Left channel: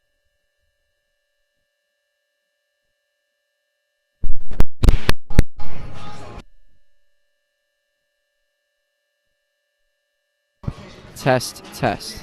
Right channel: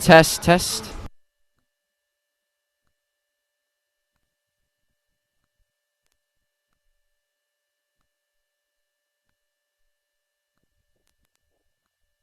Test, test. Test, test.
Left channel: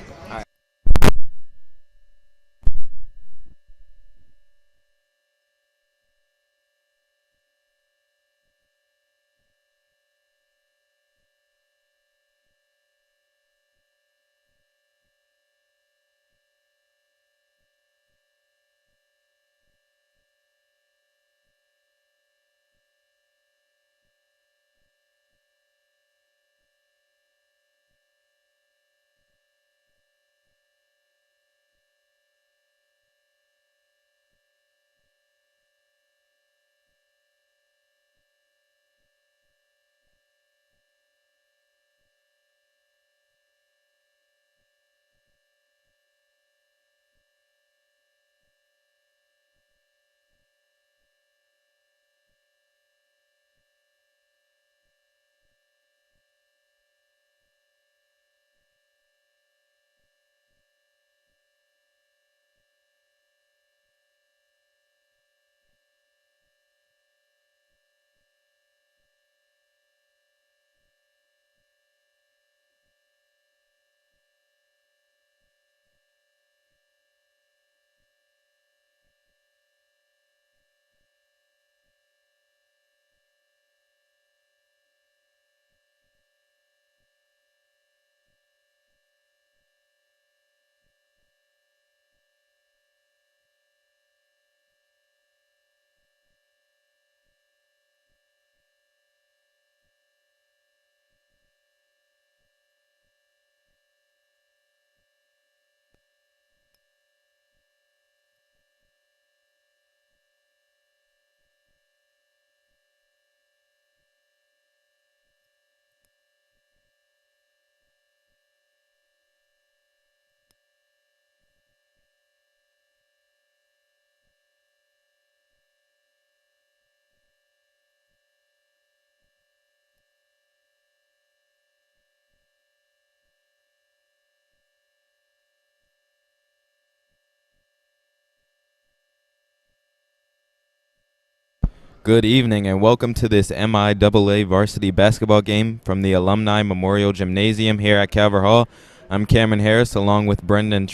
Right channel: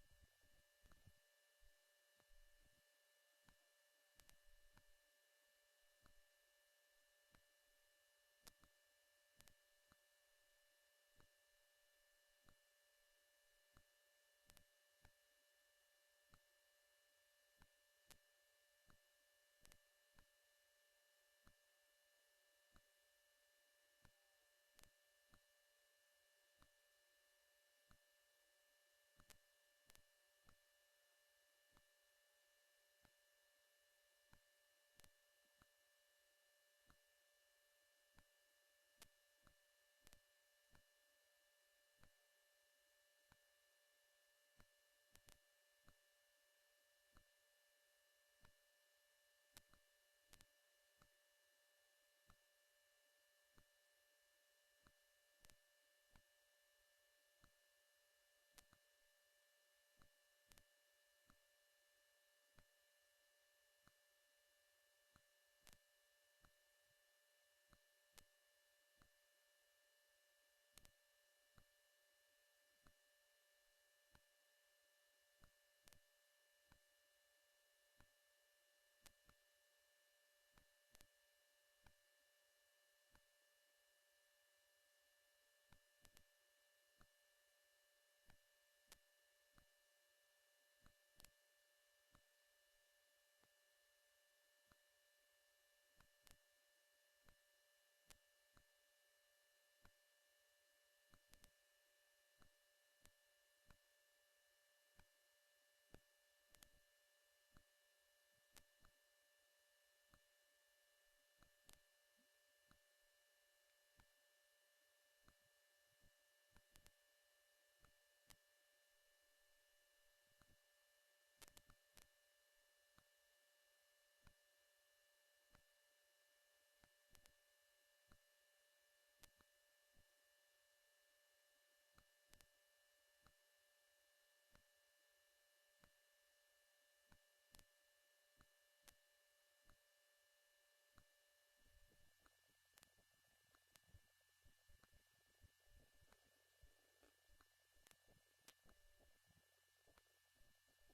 Good evening and welcome to this MIAA varsity basketball game from the Alumni Memorial Gymnasium here at Calvert Hall. I'm Cameron Harris along with Brendan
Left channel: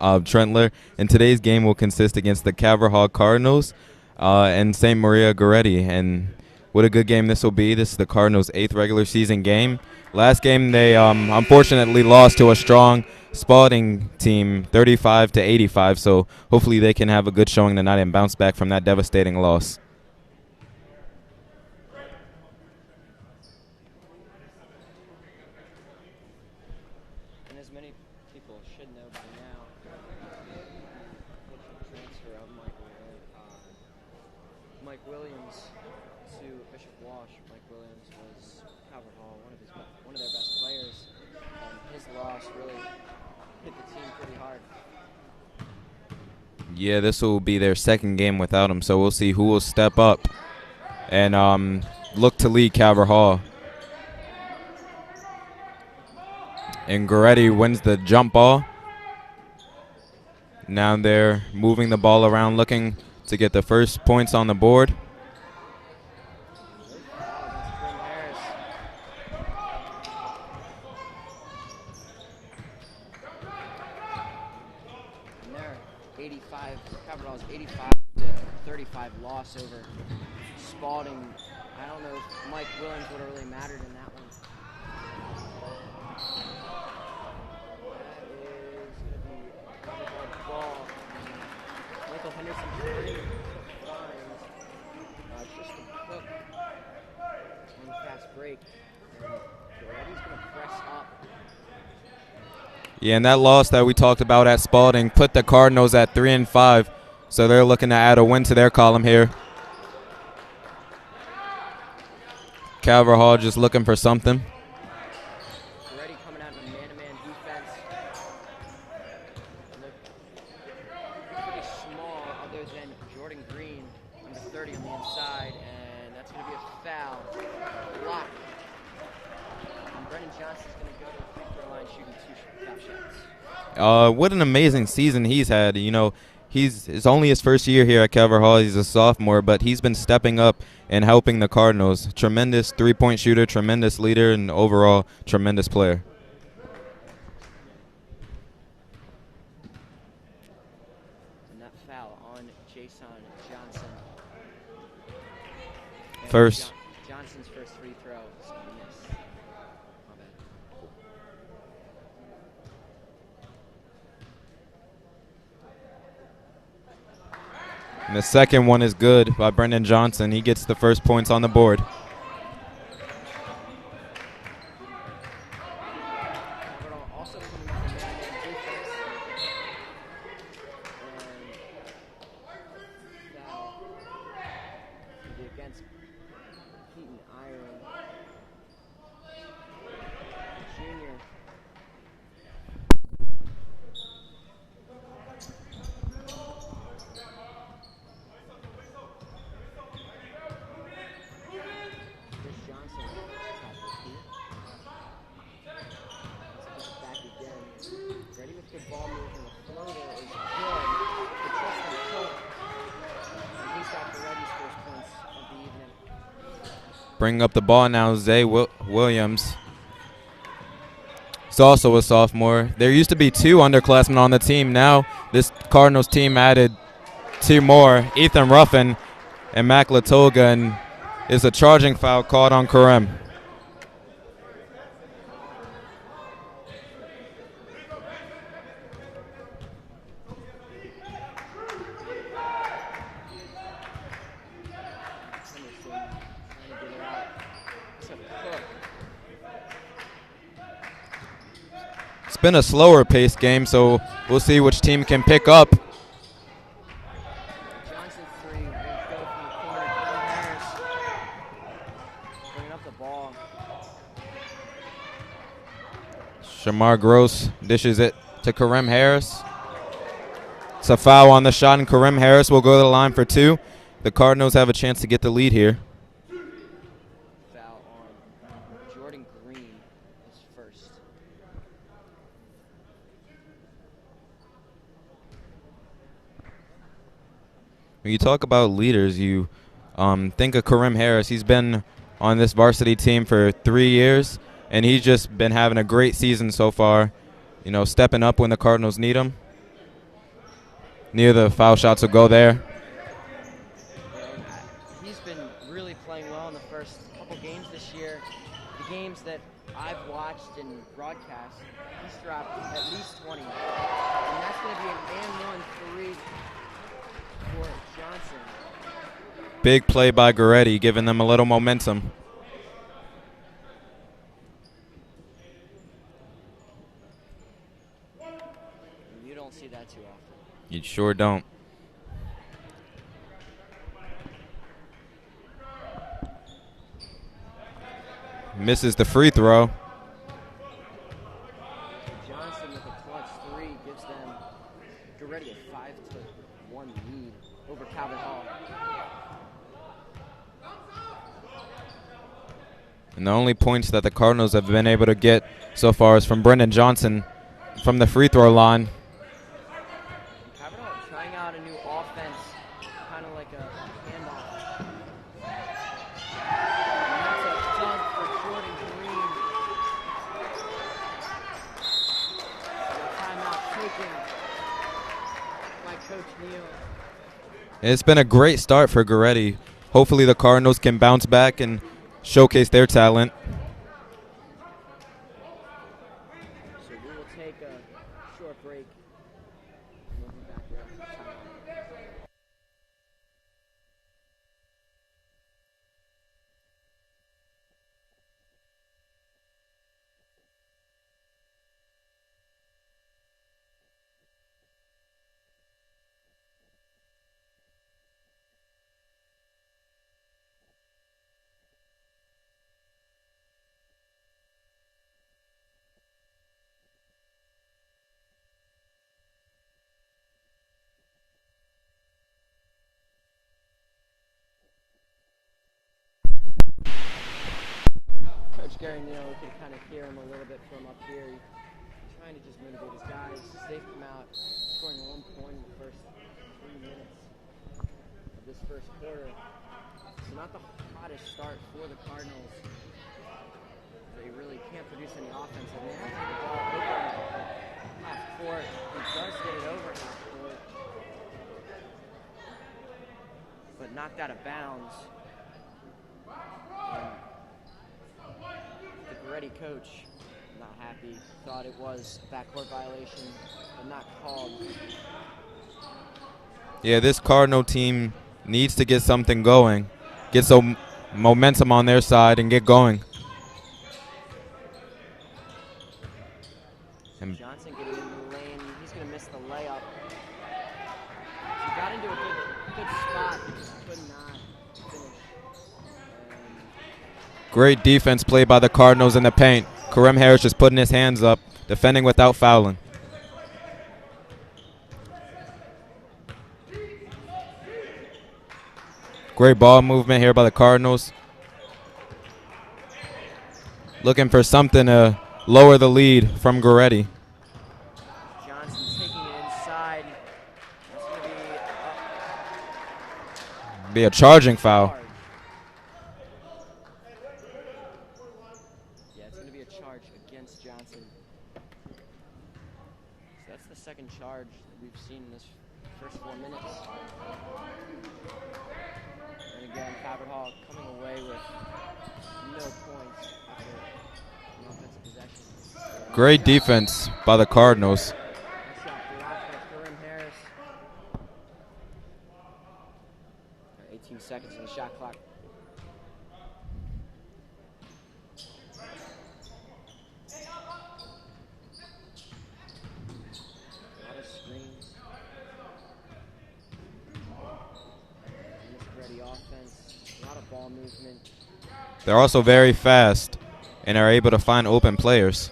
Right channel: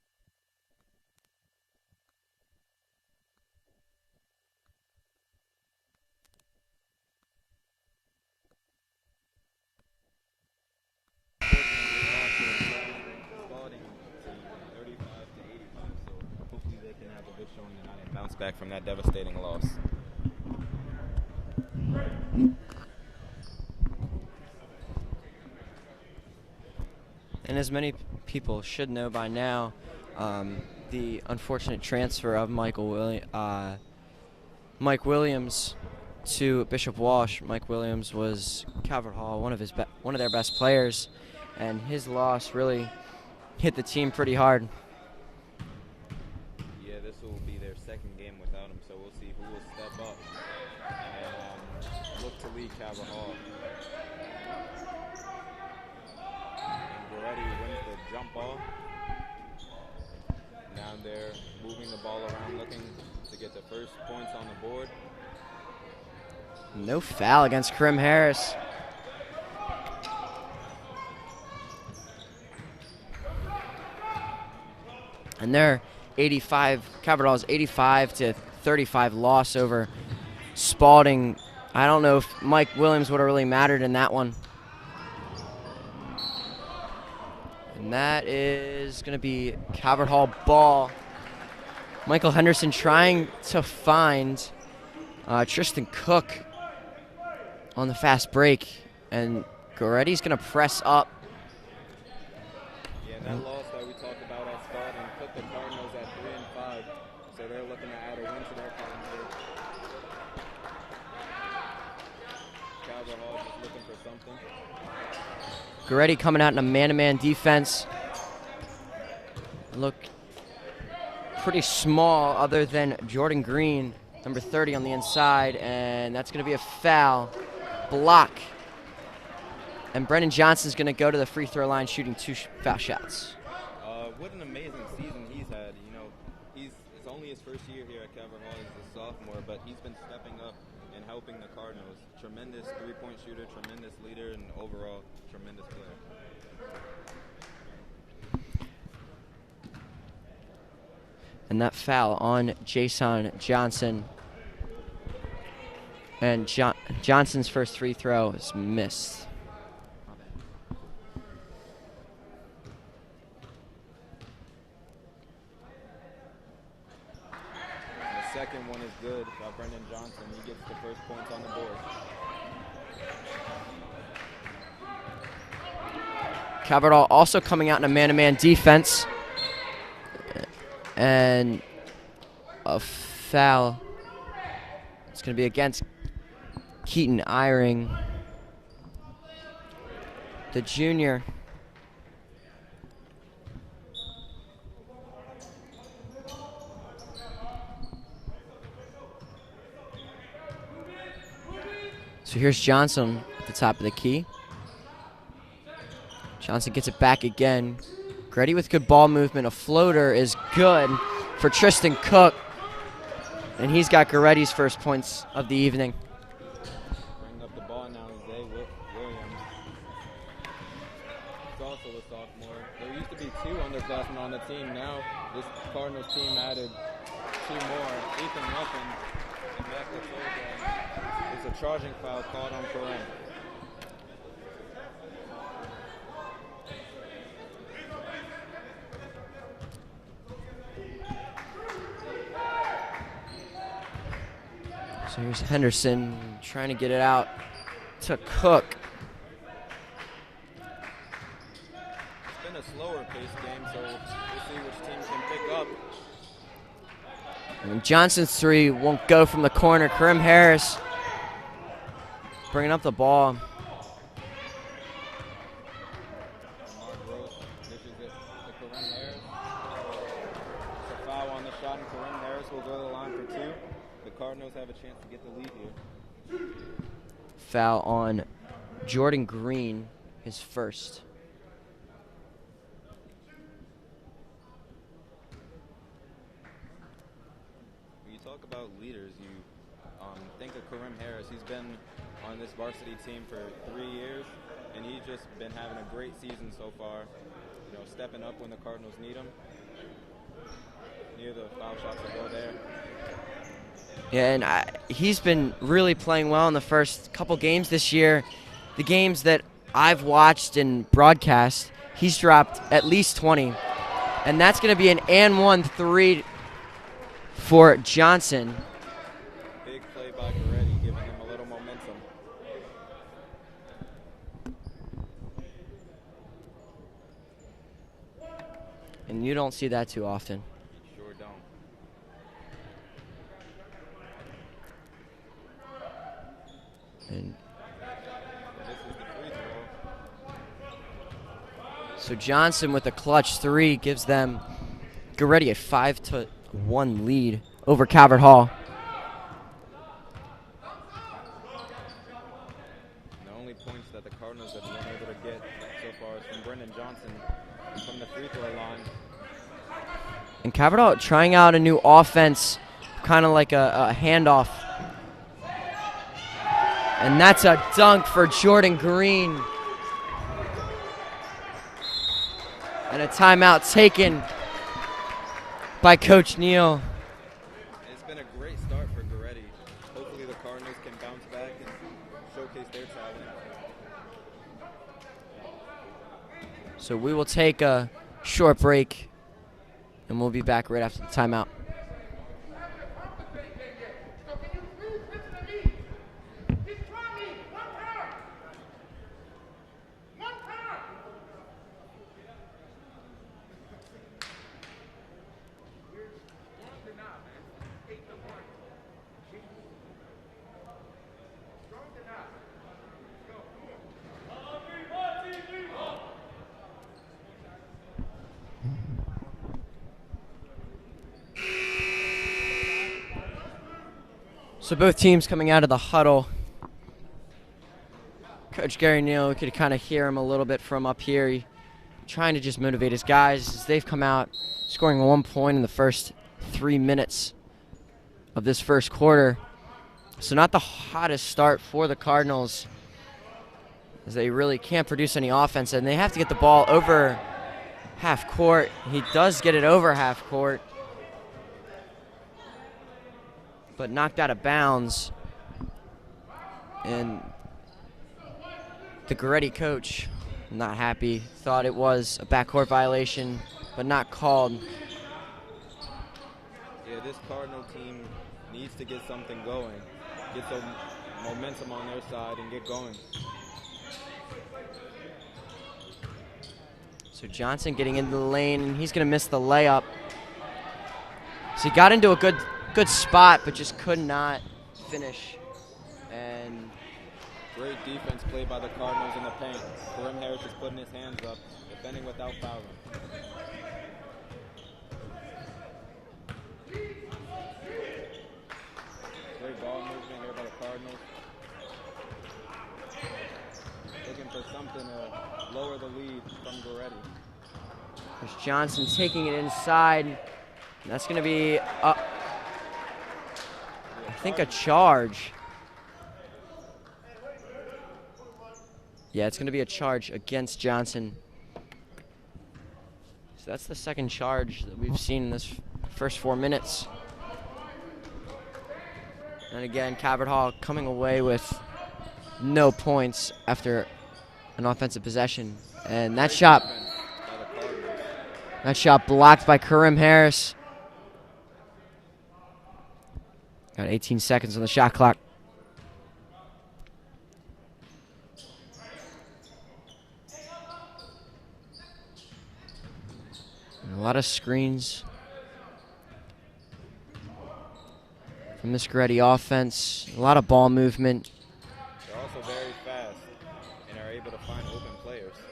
Trentler, and today's game will consist against the Calvert Hall Cardinals and St. Maria Goretti. And what a good game this will be. This is the Cardinals' 8th regular season game. Last game they unfortunately lost to a strong Spalding team 35-85, so hopefully they can have a good showing tonight and bounce back from that devastating loss. And as many people should know by now, the unfortunate transfer of Mike Williams to Bishop Walsh. Mike Williams was Calvert Hall, one of their best players, and his loss really hit the team pretty hard. Yeah, this will be their second game without him, so we'll see who will step up and look to lead Calvert Hall. And Goretti wins the jump ball. Now they're moving the ball around, looking to get the first points on the board. No foul against Krim Harris. And their Calvert Hall's 85-35 loss over Spalding. I don't know if Mike Williams would have really mattered in that one. And that is going to be Calvert Hall ball. Michael Henderson trying to find Tristan Cook on the fast break. And Goretti's going to press up. Yeah, and that loss that we talked about at Spalding put the Cardinals at 3-5. So they're looking to add a win to their column here. Calvert Hall just looking for something. Goretti coming out in a man-to-man defense. Look pretty small other than Jordan Green, number 30 on the inside, and that's going to be a foul. Block. And Brendan Johnson's going to go to the free throw line shooting 2 foul shots. What an amazing season he's had. It's only his first year here at Calvert Hall. He's a sophomore, but he's been stepping up and helping the Cardinals. Tremendous three-point shooter, tremendous leader, and overall tremendous player. And that foul on Jason Johnson. And Johnson's first free throw is missed. And the second one is good by Brendan Johnson. He gets the first points on the board. Calvert Hall also coming out in a man-to-man defense. And a foul. It's going to be against Keaton Eyring, the junior. So here's Johnson at the top of the key. Johnson gets it back again. Goretti with good ball movement. A floater is good for Tristan Cook. And he's got Goretti's first points of the evening. Bringing up the ball now, Zay Williams. He's also a sophomore. There used to be 2 underclassmen on the team. Now this Cardinals team added 2 more, Ethan Ruffin and Mac Latoga, and is a charging foul called on Karem. So here's Henderson trying to get it out to Cook. It's been a slower paced game, so we'll see which team can pick up. And Johnson's three won't go from the corner. Karim Harris bringing up the ball. Shamar Gross dishes it to Karim Harris. It's a foul on the shot, and Karim Harris will go to the line for 2. The Cardinals have a chance to get the lead here. Foul on Jordan Green, his first. When you talk about leaders, you think of Karim Harris. He's been on this varsity team for 3 years, and he's just been having a great season so far. Stepping up when the Cardinals need him. Near the foul shots will go there. Yeah, and he's been really playing well in the first couple games this year. The games that I've watched and broadcast, he's dropped at least 20. And that's going to be an and 1 3 for Johnson. Big play by Goretti, giving them a little momentum. And you don't see that too often. You sure don't. And misses the free throw. So Johnson with a clutch 3 gives them Goretti a 5-1 lead over Calvert Hall. And the only points that the Cardinals have been able to get so far is from Brendan Johnson from the free throw line. And Calvert Hall trying out a new offense, kind of like a handoff. And that's a dunk for Jordan Green. And a timeout taken by Coach Neal. It's been a great start for Goretti. Hopefully the Cardinals can bounce back and showcase their talent. So we will take a short break, and we'll be back right after the timeout. So both teams coming out of the huddle. Coach Gary Neal, we could kind of hear him a little bit from up here. He trying to just motivate his guys. They've come out scoring 1 point in the first 3 minutes of this first quarter. So not the hottest start for the Cardinals, as they really can't produce any offense, and they have to get the ball over half court. He does get it over half court, but knocked out of bounds. And the Goretti coach, not happy, thought it was a backcourt violation, but not called. Yeah, this Cardinal team needs to get something going, get some momentum on their side and get going. So Johnson getting into the lane, and he's going to miss the layup. So he got into a good spot, but just could not finish. And great defense played by the Cardinals in the paint. Kareem Harris just putting his hands up, defending without fouling. Great ball movement here by the Cardinals. Looking for something to lower the lead from Goretti. there's Johnson taking it inside. That's going to be a charging foul. Charge. Yeah, it's going to be a charge against Johnson. So that's the second charge that we've seen in this first 4 minutes. And again, Calvert Hall coming away with no points after an offensive possession. And great defense by the Cardinals. That shot blocked by Kareem Harris. Got 18 seconds on the shot clock. And a lot of screens from this Goretti offense. A lot of ball movement. They're also very fast and are able to find open players.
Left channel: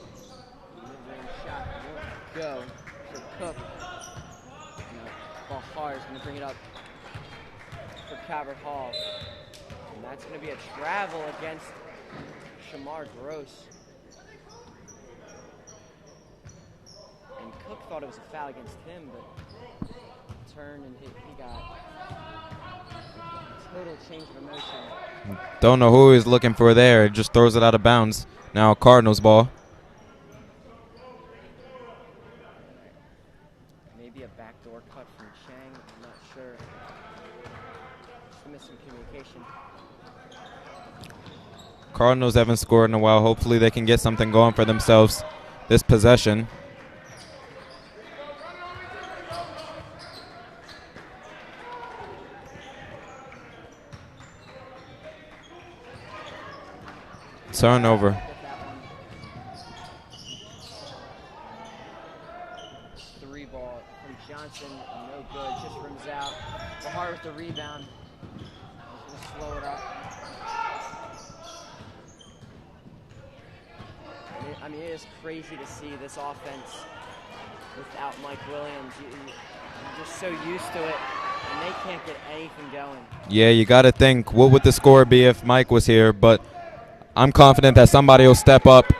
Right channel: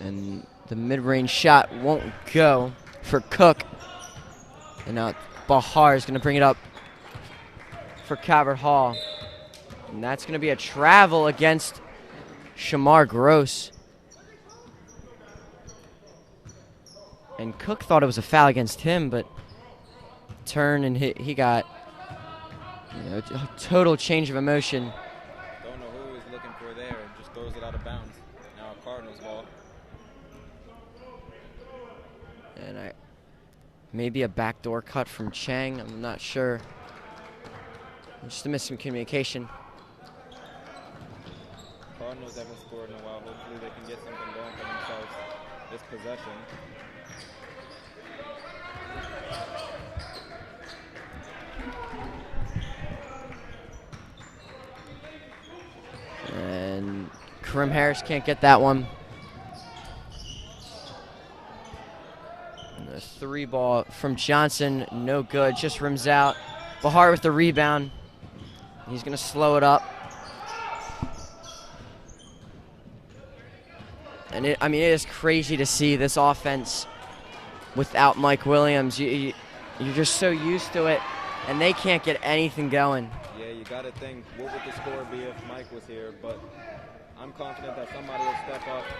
And the mid-range shot won't go for Cook. And now Bahar is going to bring it up for Calvert Hall. And that's going to be a travel against Shamar Gross. And Cook thought it was a foul against him, but turn and he got a total change of emotion. Don't know who he's looking for there. It just throws it out of bounds. Now Cardinals ball. And maybe a backdoor cut from Chang. I'm not sure. Just a miscommunication. Cardinals haven't scored in a while. Hopefully they can get something going for themselves this possession. And Kareem Harris can't get that one. The 3 ball from Johnson, no good, just rims out. Bahar with the rebound. He's going to slow it up. And it is crazy to see this offense without Mike Williams. You're just so used to it, and they can't get anything going. Yeah, you got to think, what would the score be if Mike was here? But I'm confident that somebody will step up.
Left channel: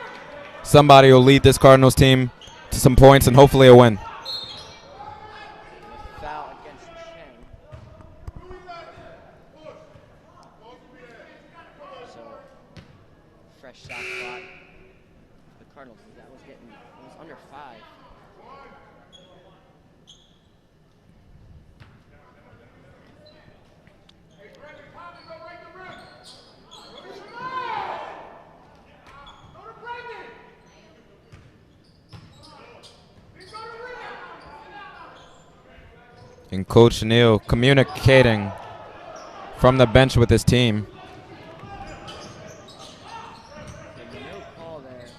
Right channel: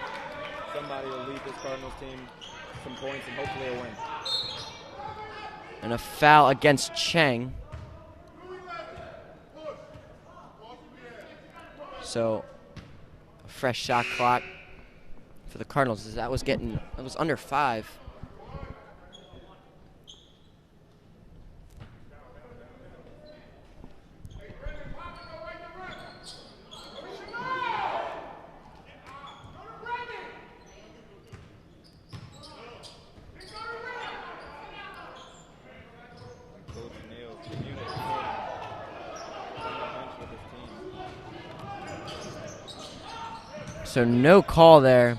Somebody will lead this Cardinals team to some points and hopefully a win. And a foul against Chang. So, fresh shot clock for the Cardinals. That was under 5. And Coach Neal communicating from the bench with his team. So no call there.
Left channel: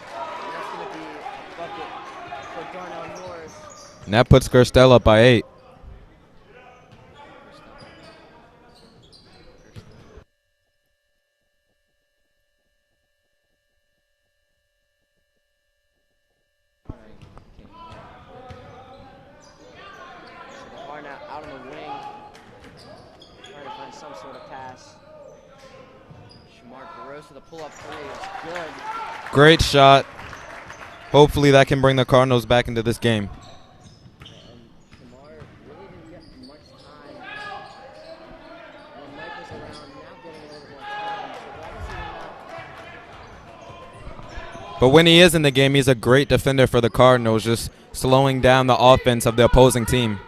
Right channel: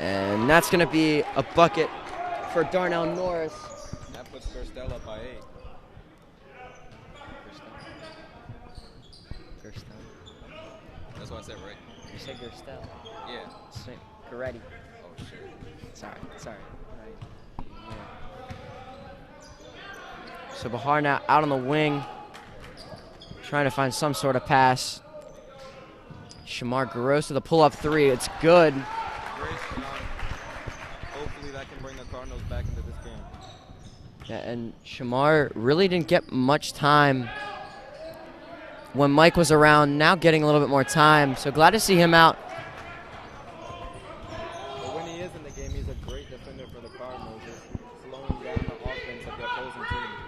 And that's going to be a bucket for Darnell Norris. And that puts Gerstel up by 8. That's what I said, right? You said Gerstel. Yeah. Goretti. Oh, shit. Sorry. Yeah. So Bahar now out on the wing, trying to find some sort of pass. Shamar Gross with a pull-up 3. It's good. Great shot. Hopefully that can bring the Cardinals back into this game. Yeah, and Shamar really didn't get much time when Mike was around. Now getting a little bit more time, so glad to see him out. But when he is in the game, he's a great defender for the Cardinals, just slowing down the offense of the opposing team.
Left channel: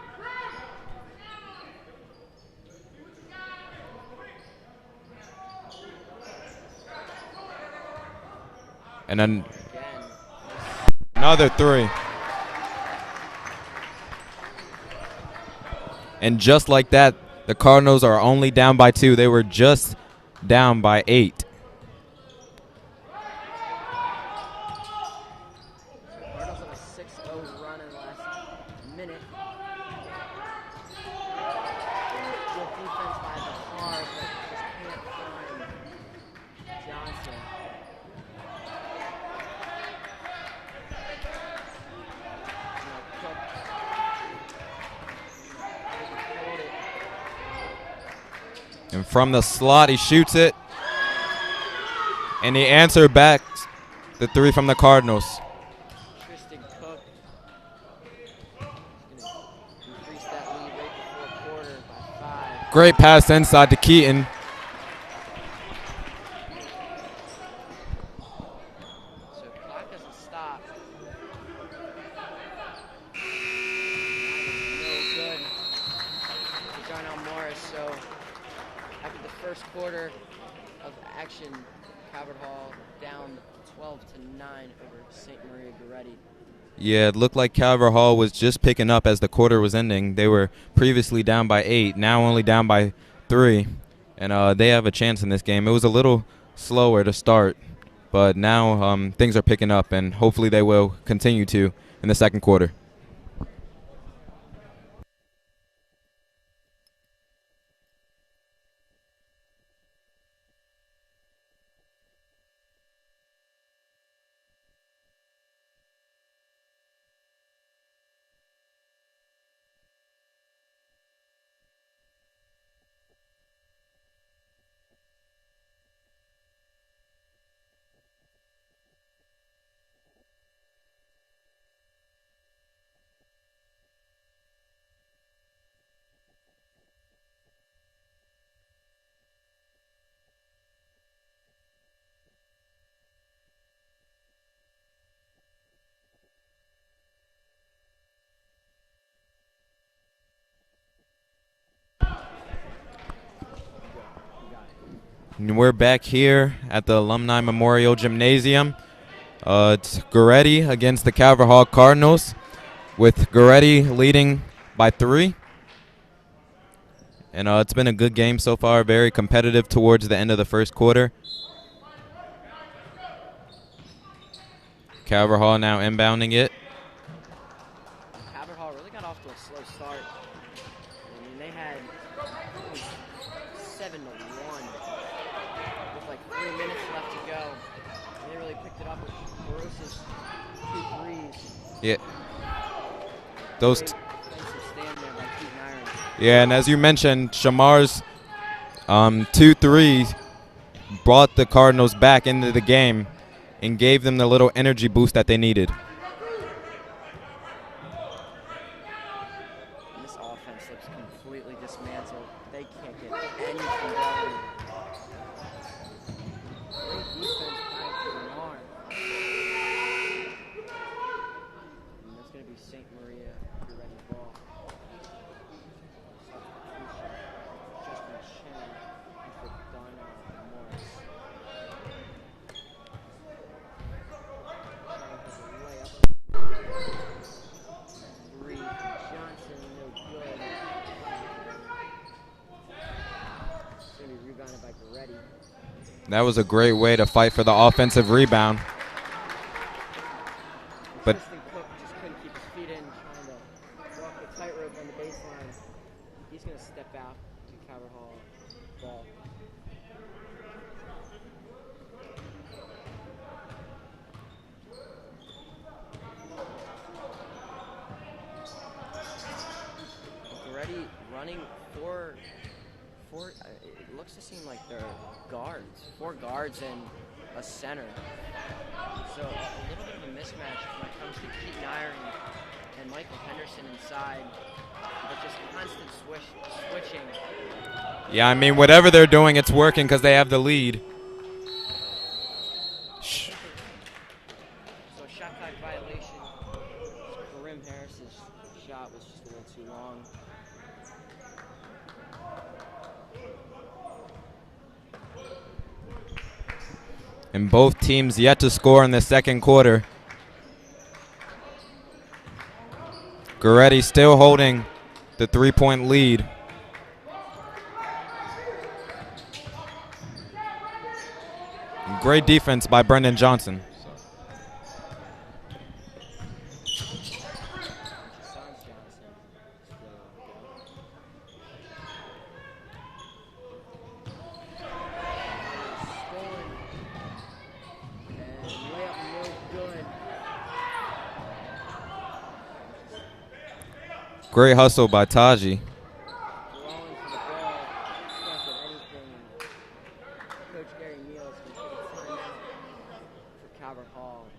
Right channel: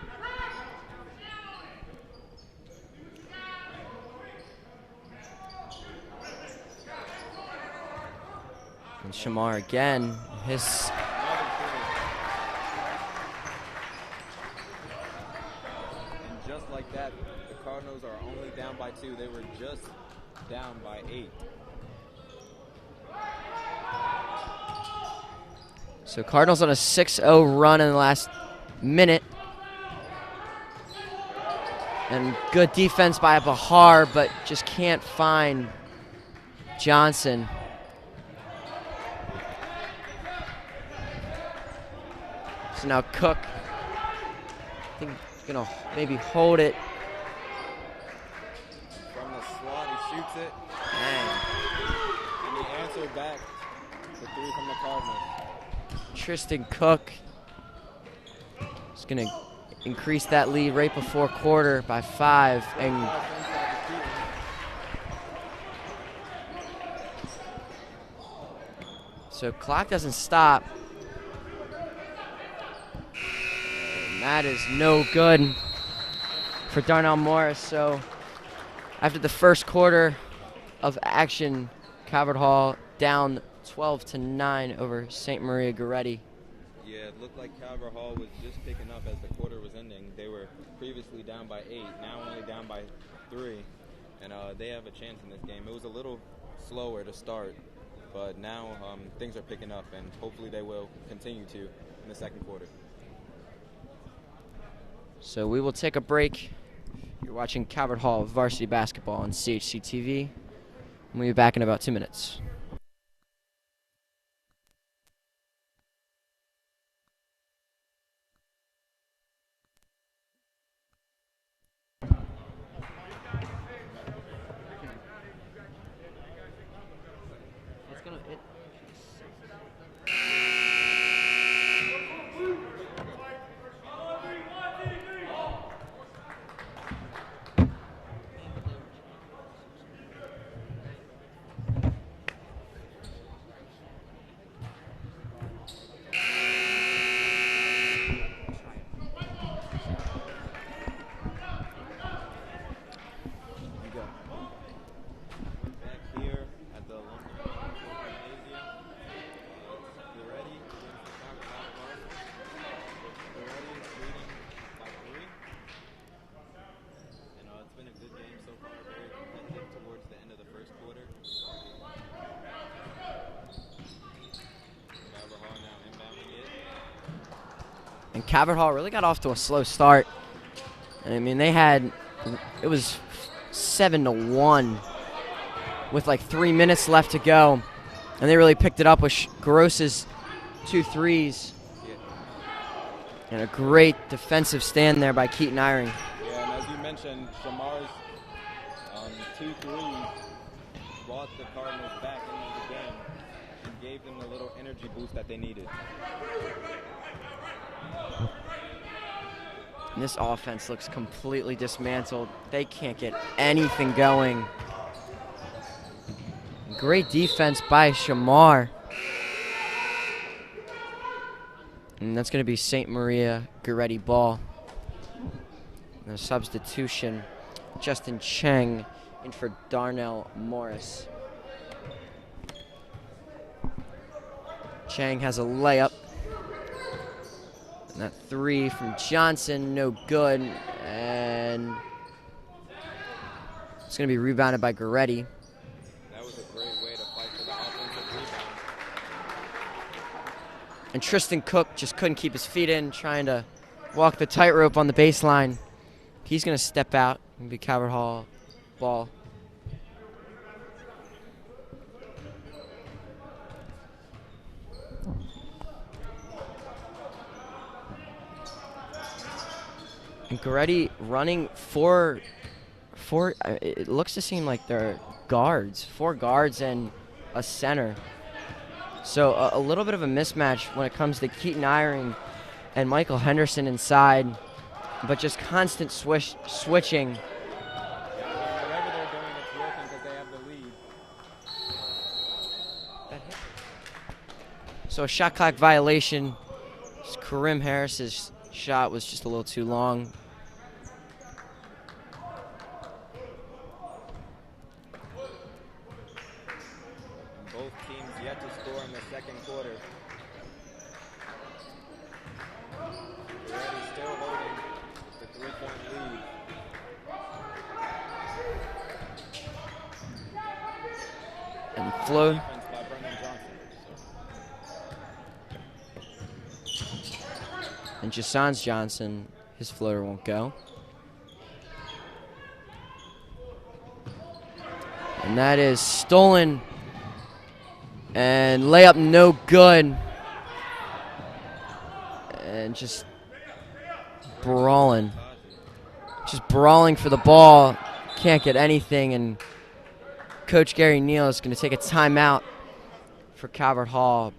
And Shamar again, another three. And just like that, the Cardinals are only down by 2. They were just down by 8. So Cardinals on a 6-0 run in the last minute. And good defense by Bahar, but just can't find Johnson. So now Cook, I think he's gonna maybe hold it. And from the slot, he shoots it. And he answered back the 3 from the Cardinals. Tristan Cook is gonna increase that lead right before quarter by 5. Great pass inside to Keaton. So clock doesn't stop. And that is no good for Darnell Morris. So after the first quarter of action, Calvert Hall down 12-9 over St. Maria Goretti. Yeah, it looked like Calvert Hall was just picking up as the quarter was ending. They were previously down by 8, now only down by 3. And they have a chance in this game. It was a little slower to start, but now things are picking up, and hopefully they will continue to in the second quarter. So we will take a break. You're watching Calvert Hall Varsity Basketball on CHC TV. We'll be back in about 2 minutes. And we're back here at the Alumni Memorial Gymnasium. It's Goretti against the Calvert Hall Cardinals, with Goretti leading by 3. And it's been a good game so far, very competitive towards the end of the first quarter. Calvert Hall now inbounding it. And Calvert Hall really got off to a slow start. And I mean, it was 7-1 with like 3 minutes left to go. And they really picked it up with Gross's 2 threes. Yeah. And a great defensive stand there by Keaton Eyring. Yeah, and as you mentioned, Shamar's 2 threes brought the Cardinals back into the game and gave them the little energy boost that they needed. And this offense looks completely dismantled. They can't get anything going. Great defense by Shamar. And that's going to be St. Maria Goretti ball. And a substitution, Justin Cheng in for Darnell Morris. Cheng has a layup. And that 3 from Johnson, no good. And it's going to be rebounded by Goretti. That was a great way to fight for the offensive rebound. And Tristan Cook just couldn't keep his feet in, trying to walk the tightrope on the baseline. He's going to step out and be Calvert Hall ball. And Goretti running four. It looks to seem like they're guards, 4 guards and a center. So a little bit of a mismatch when it comes to Keaton Eyring and Michael Henderson inside, but just constant switching. Yeah, I mean, whatever they're doing, it's working because they have the lead. So a shot clock violation. Karim Harris's shot was just a little too long. And both teams yet to score in the second quarter. Goretti still holding the 3-point lead. Great defense by Brendan Johnson. And Jason's Johnson, his floater won't go. And that is stolen. And layup no good. And just great brawling. Hustle by Taji. Just brawling for the ball. Can't get anything. And Coach Gary Neal is going to take a timeout for Calvert Hall.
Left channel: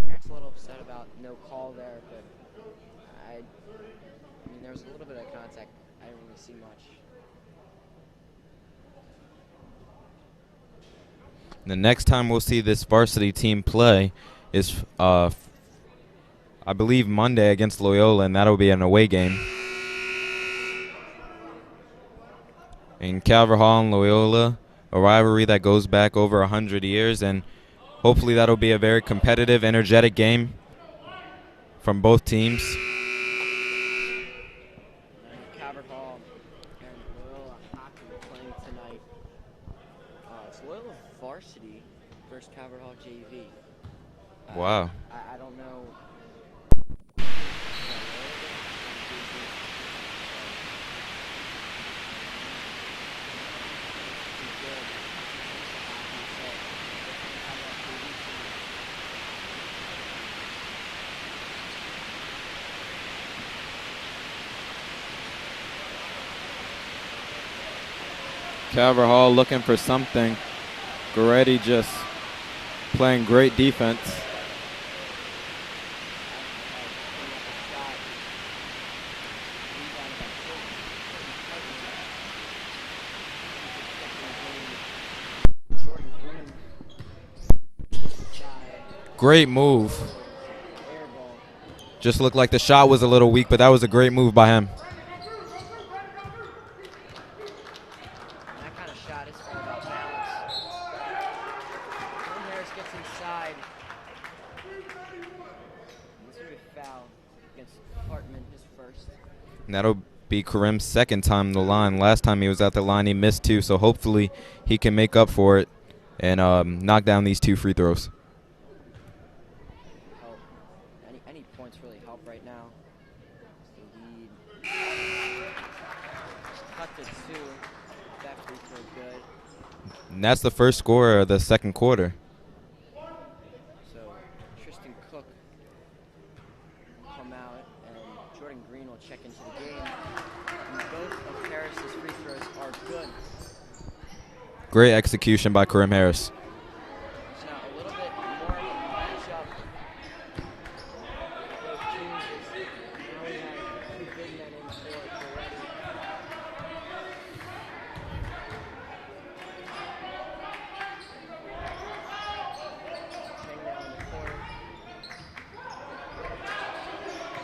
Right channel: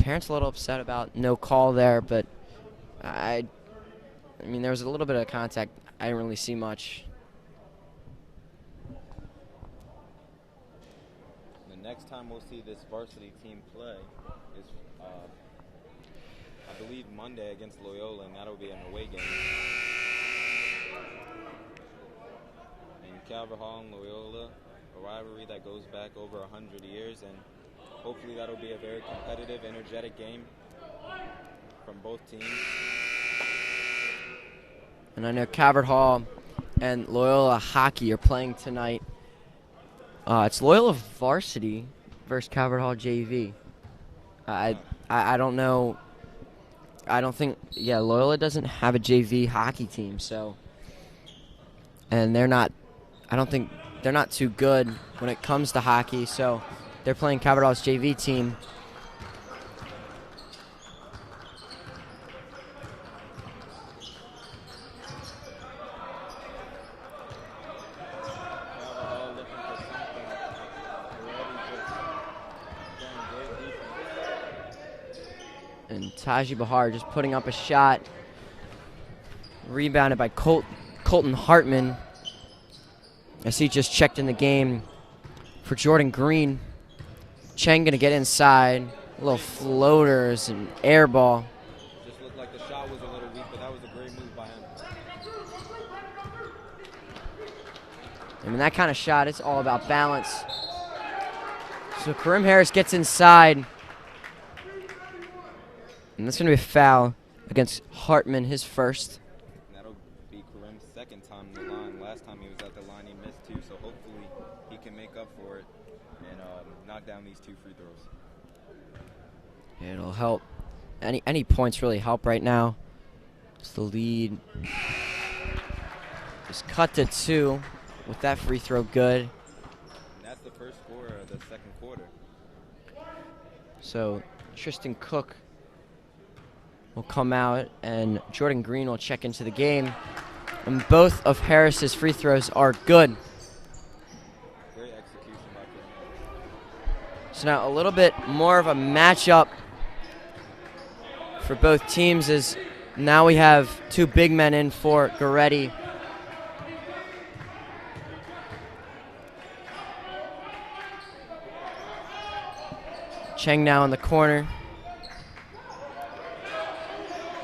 Parents a little upset about no call there, but I mean, there was a little bit of contact. I didn't really see much. The next time we'll see this varsity team play is, I believe, Monday against Loyola, and that'll be an away game. In Calvert Hall and Loyola, a rivalry that goes back over 100 years, and hopefully that'll be a very competitive, energetic game from both teams. And I know Calvert Hall and Loyola hockey are playing tonight. It's Loyola Varsity versus Calvert Hall JV. Wow. I don't know. I don't think, Loyola doesn't have a JV hockey team, so. And they're not, I don't think, they're not too good when it comes to hockey, so they're playing Calvert Hall's JV team. Calvert Hall looking for something. Goretti just playing great defense. And Taji Bahar just putting up a shot. Rebounded by Colton Hartman. As he just checked in the game for Jordan Green. Cheng gonna get inside. Great move. Floaters and air ball. Just looked like the shot was a little weak, but that was a great move by him. I mean, that kind of shot, it's all about balance. So Karim Harris gets inside. And that's going to be a foul against Hartman, his first. And that'll be Karim's second time on the line. Last time he was at the line, he missed 2, so hopefully he can make up for it and knock down these 2 free throws. Yeah, it'll help. Any points really help right now. It's the lead. Just cut to 2. With that free throw good. And that's the first score of the second quarter. So Tristan Cook will come out and Jordan Green will check into the game. And both of Harris's free throws are good. Great execution by Karim Harris. So now a little bit more of a matchup for both teams is now we have 2 big men in for Goretti. Cheng now in the corner.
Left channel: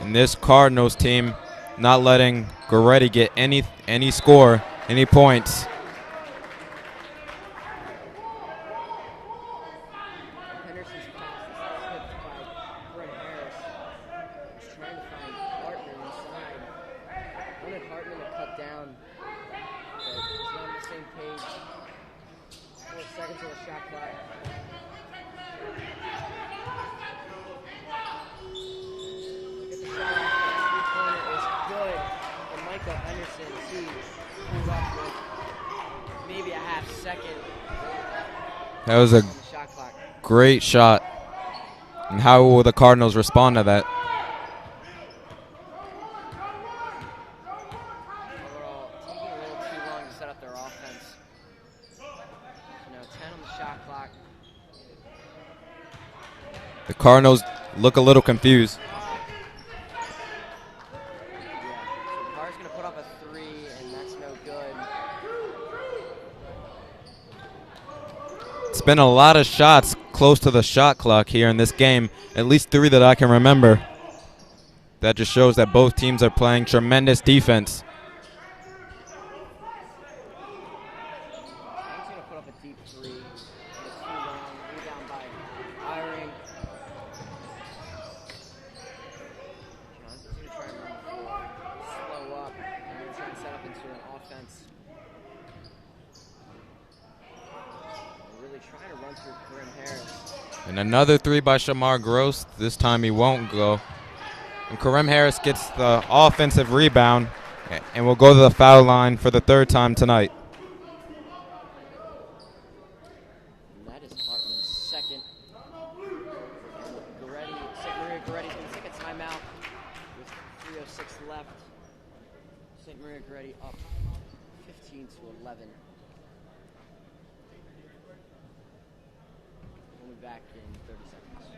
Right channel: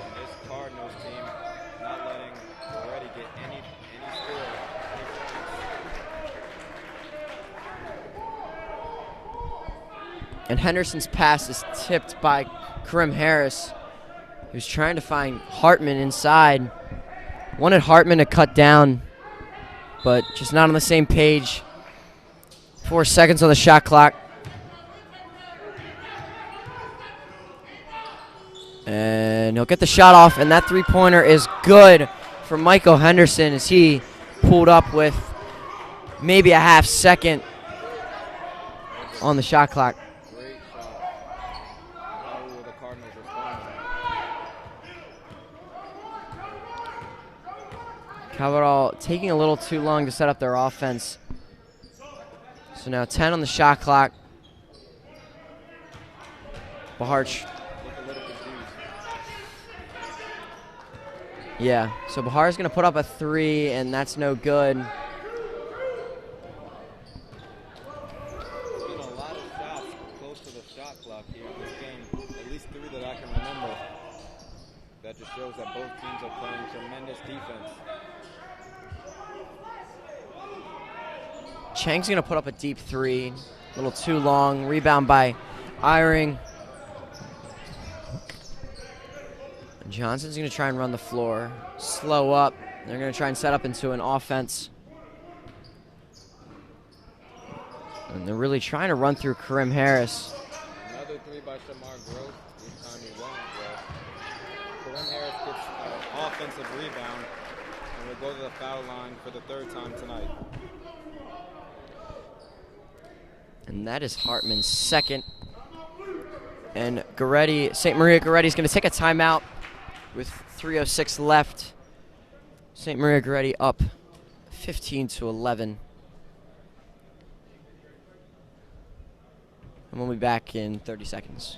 And this Cardinals team not letting Goretti get any score, any points. And Henderson's pass is tipped by Karim Harris, who's trying to find Hartman inside. Wanted Hartman to cut down, but just not on the same page. 4 seconds on the shot clock. And he'll get the shot off, and that 3-pointer is good for Michael Henderson as he pulled up with maybe a half second That was a on the shot clock. Great shot. And how will the Cardinals respond to that? Calvert Hall taking a little too long to set up their offense. So now 10 on the shot clock. The Cardinals look a little confused. Yeah, so Bahar's going to put up a 3, and that's no good. It's been a lot of shots close to the shot clock here in this game, at least 3 that I can remember. That just shows that both teams are playing tremendous defense. Chang's going to put up a deep 3, a little too long. Rebound by Eyring. Johnson's going to try and run the floor. Slow up. They're going to try and set up into an offense. And they're really trying to run through Karim Harris. And another 3 by Shamar Gross. This time he won't go. And Karim Harris gets the offensive rebound and will go to the foul line for the 3rd time tonight. And that is Hartman's 2nd. And Goretti, St. Maria Goretti is going to take a timeout with 3:06 left. St. Maria Goretti up 15-11. And we'll be back in 30 seconds.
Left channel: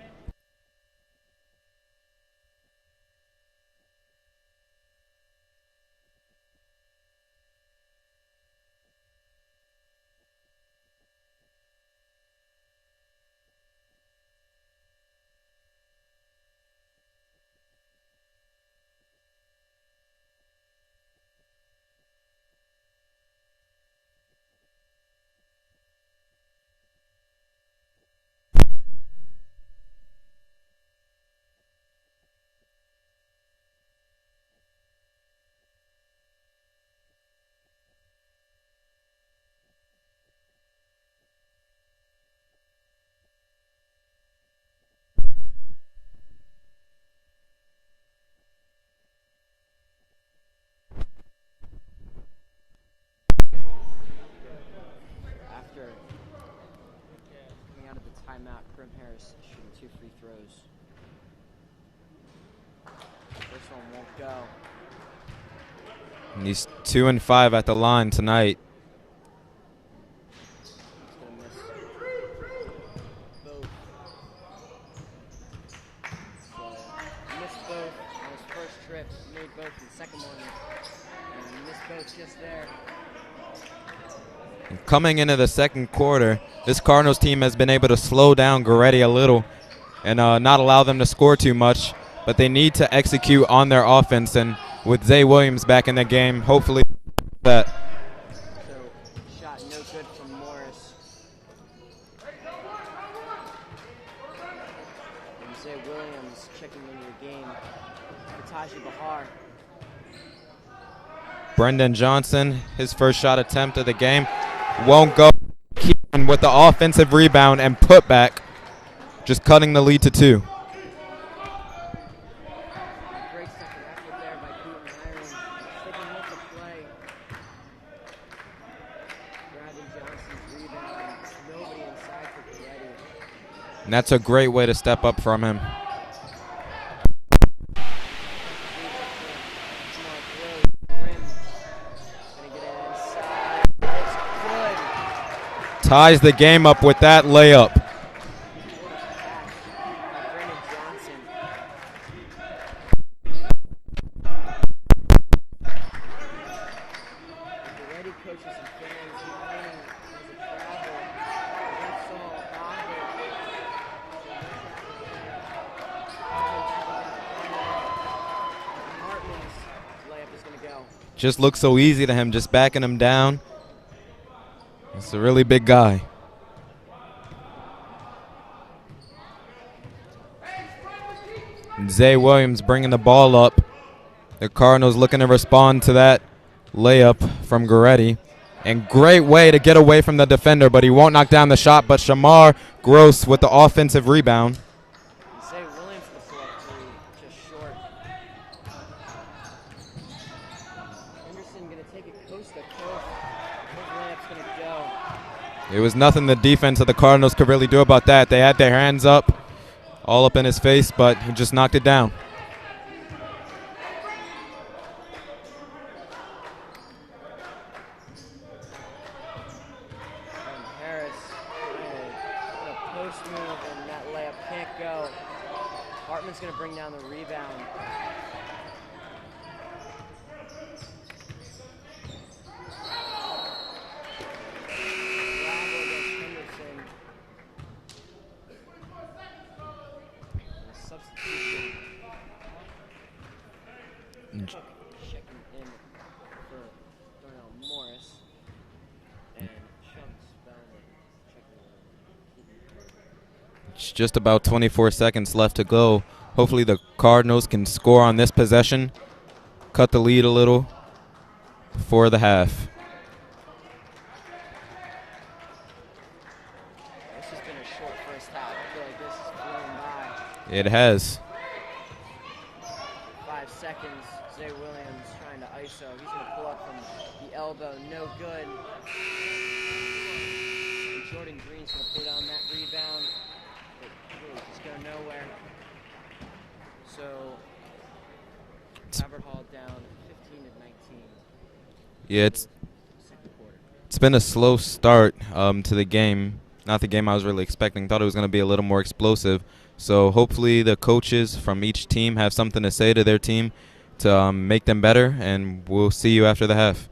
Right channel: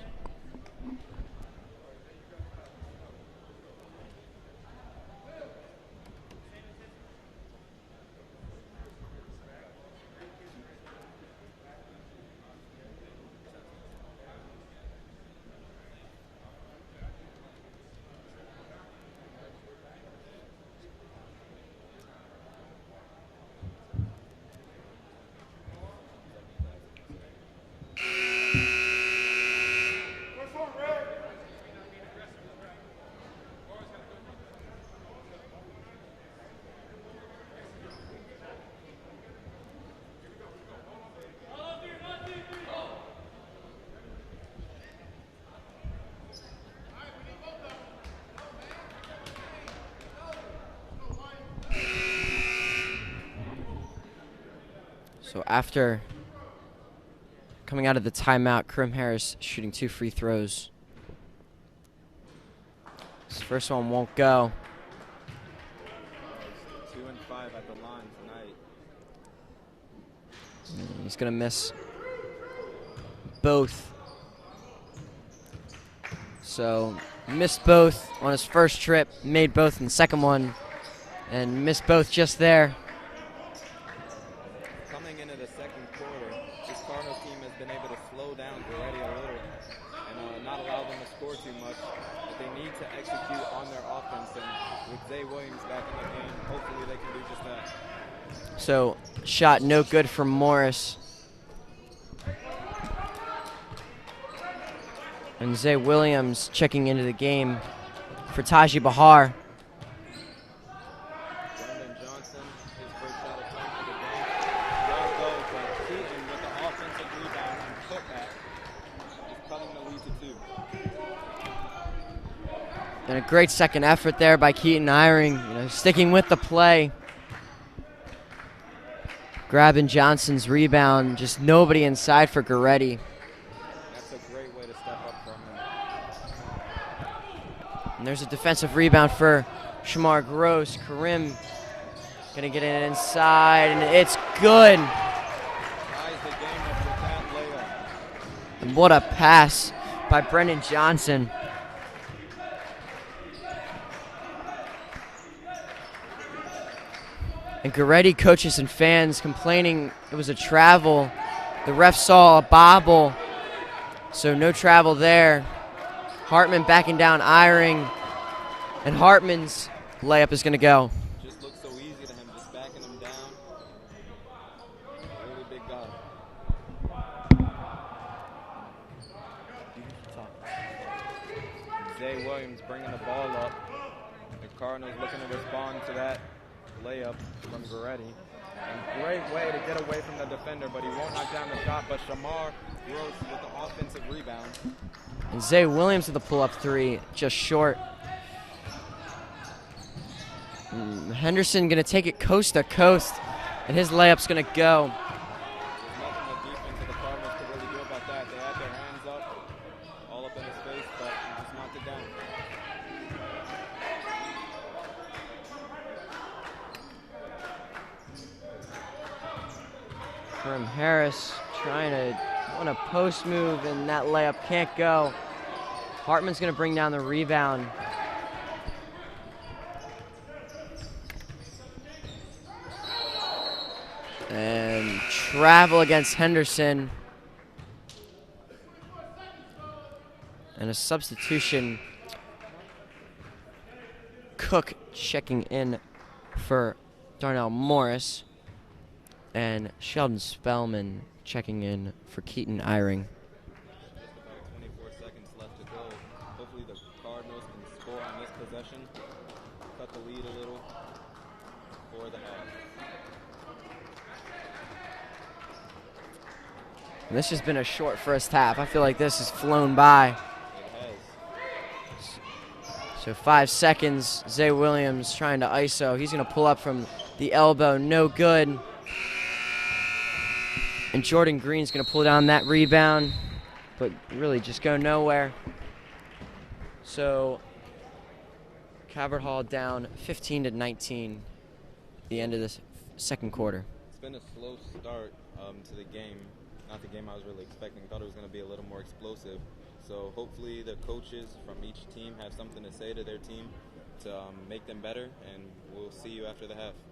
So after coming out of the timeout, Karim Harris shooting 2 free throws. His first one won't go. And he's 2 and 5 at the line tonight. He's going to miss both. So missed both on his first trip, made both in the second one, and missed both just there. Coming into the second quarter, this Cardinals team has been able to slow down Goretti a little and not allow them to score too much, but they need to execute on their offense, and with Zay Williams back in the game, hopefully they can do that. So shot no good from Morris. And Zay Williams checking into the game for Taji Bahar. Brendan Johnson, his first shot attempt of the game, won't go. Keaton with the offensive rebound and putback, just cutting the lead to 2. And a great second effort there by Keaton Eyring, sticking with the play. Grabbing Johnson's rebound, just nobody inside for Goretti. And that's a great way to step up from him. And there's a defensive rebound for Shamar Gross. Karim gonna get it inside, and it's good. Ties the game up with that layup. And what a pass by Brendan Johnson. And Goretti coaches and fans complaining it was a travel. The ref saw a bobble, so no travel there. Hartman backing down Eyring, and Hartman's layup is gonna go. Just looks so easy to him, just backing him down. It's a really big guy. And Zay Williams bringing the ball up. The Cardinals looking to respond to that layup from Goretti. And great way to get away from the defender, but he won't knock down the shot. But Shamar Gross with the offensive rebound. And Zay Williams with the pull-up 3, just short. Henderson gonna take it coast to coast, and his layup's gonna go. It was nothing the defense of the Cardinals could really do about that. They had their hands up, all up in his face, but he just knocked it down. Karim Harris trying to post move, and that layup can't go. Hartman's going to bring down the rebound. And travel against Henderson. And a substitution. Cook checking in for Darnell Morris. And Sheldon Spellman checking in for Keaton Eyring. It's just about 24 seconds left to go. Hopefully the Cardinals can score on this possession, cut the lead a little for the half. And this has been a short first half. I feel like this has flown by. It has. So 5 seconds. Zay Williams trying to ISO. He's going to pull up from the elbow. No good. And Jordan Green's going to pull down that rebound, but really just go nowhere. So Cabot Hall down 15-19. Yeah, Into this second quarter. It's been a slow start to the game. Not the game I was really expecting. Thought it was going to be a little more explosive. So hopefully the coaches from each team have something to say to their team to make them better, and we'll see you after the half.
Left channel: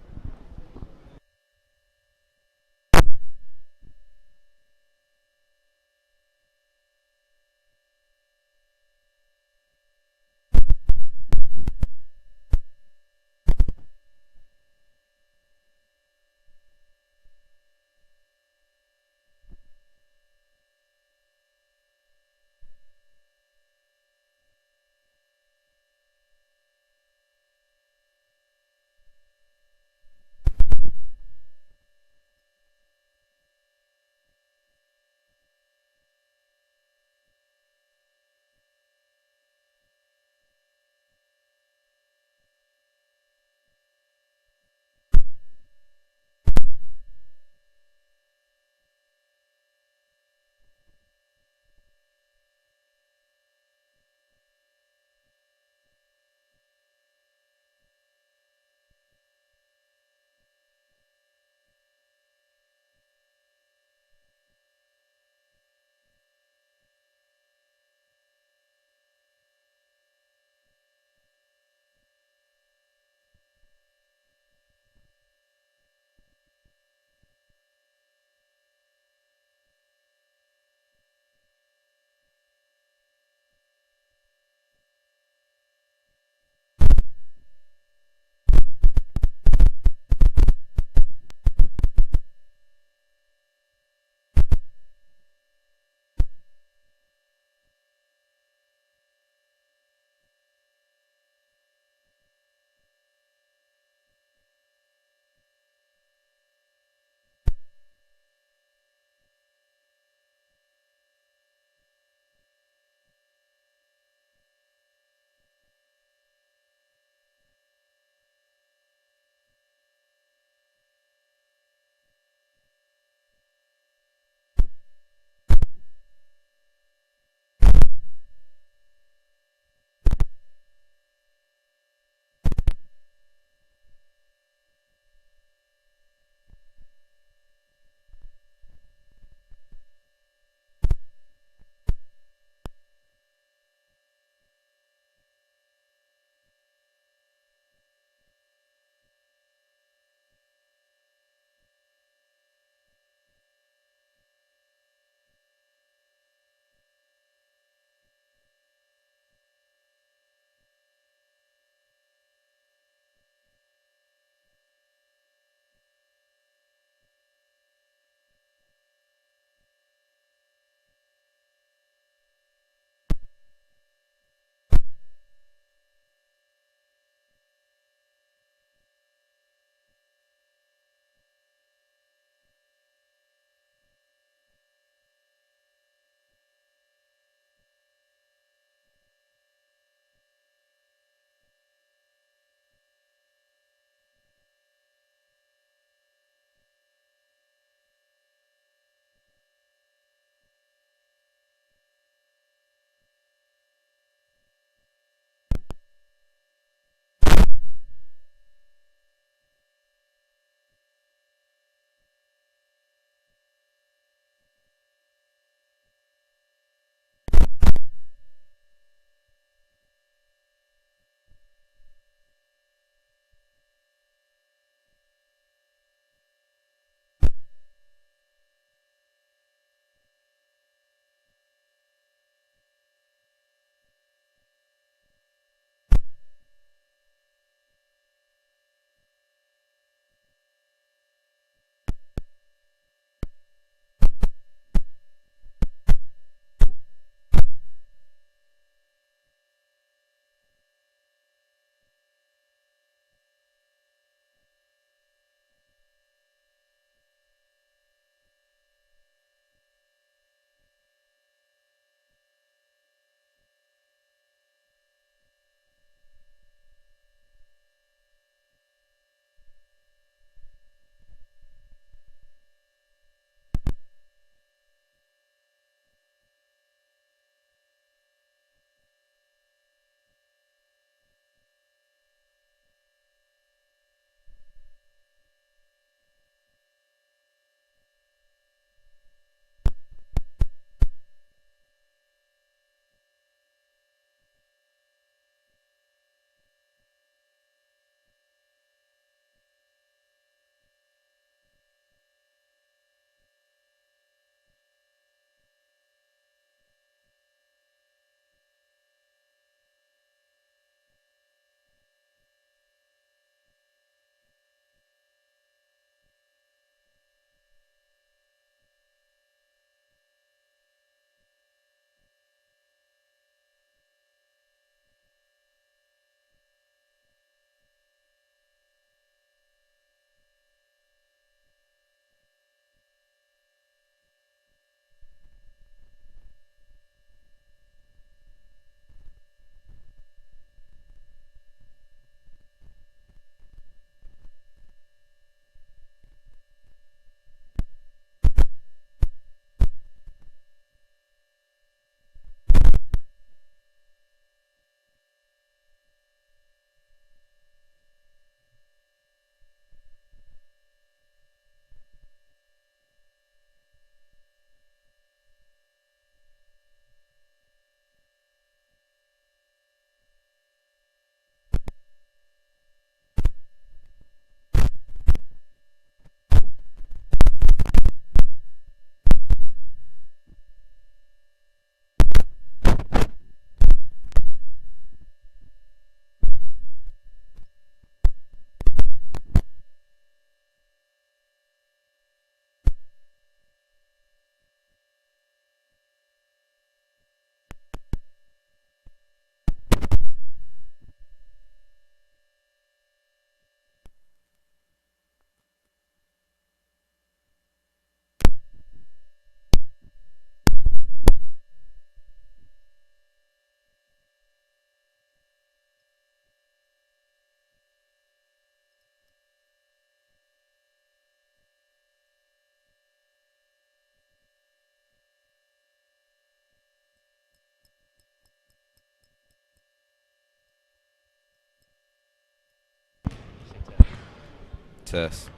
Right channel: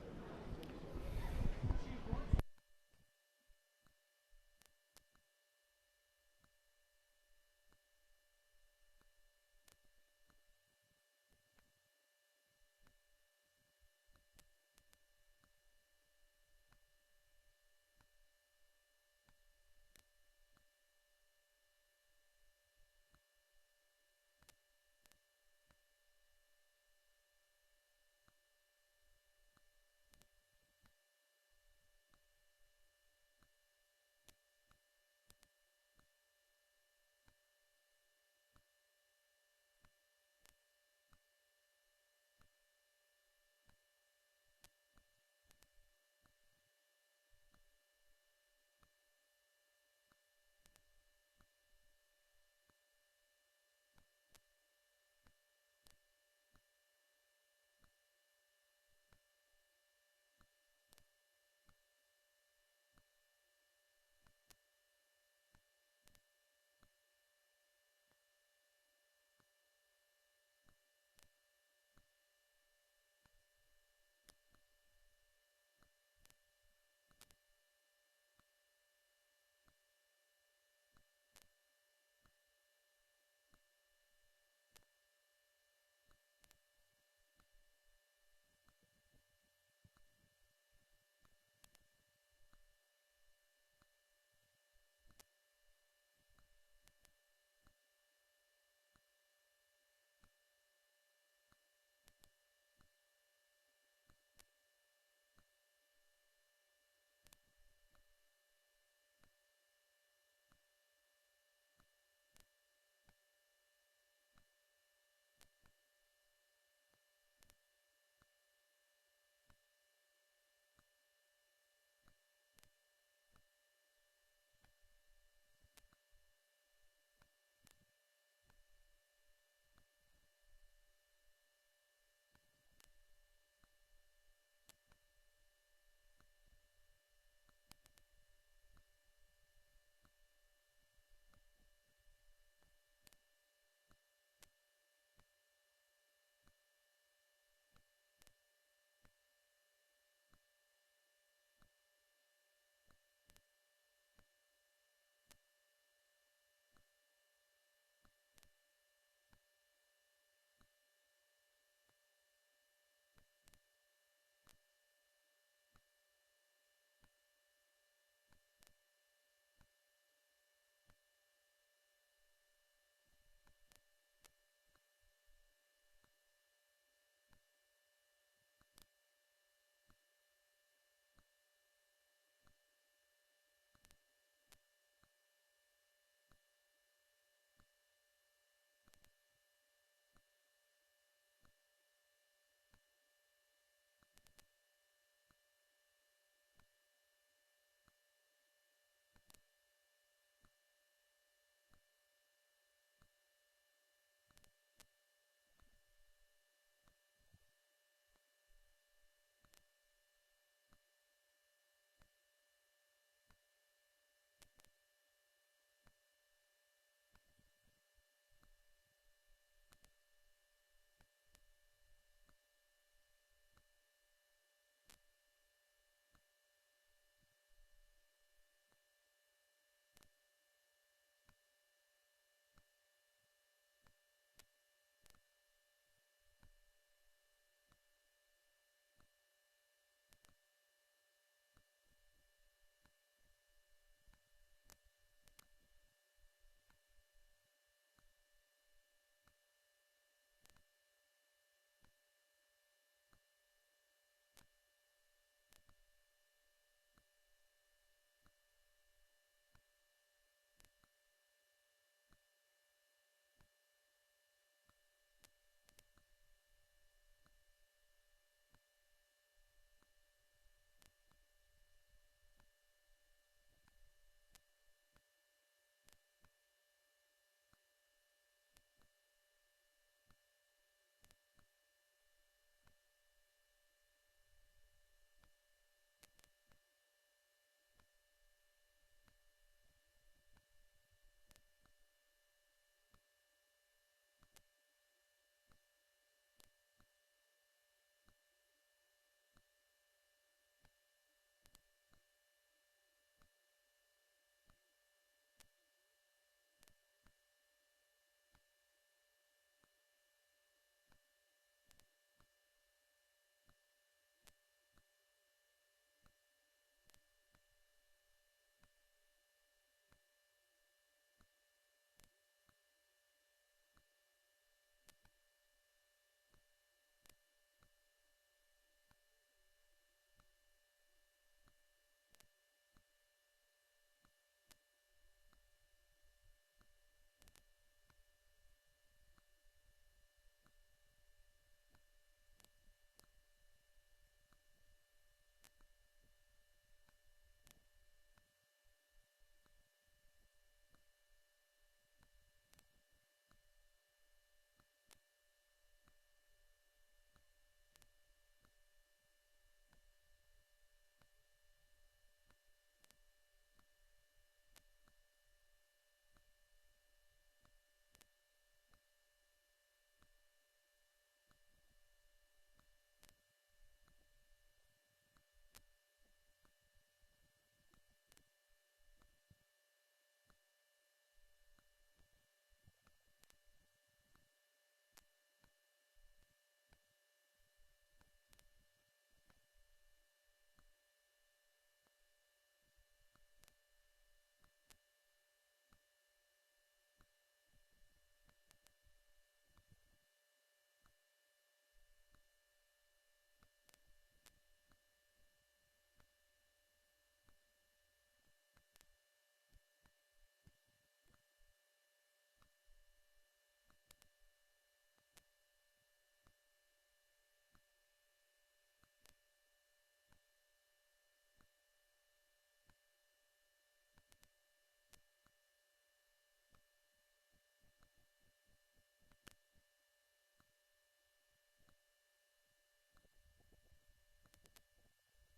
test.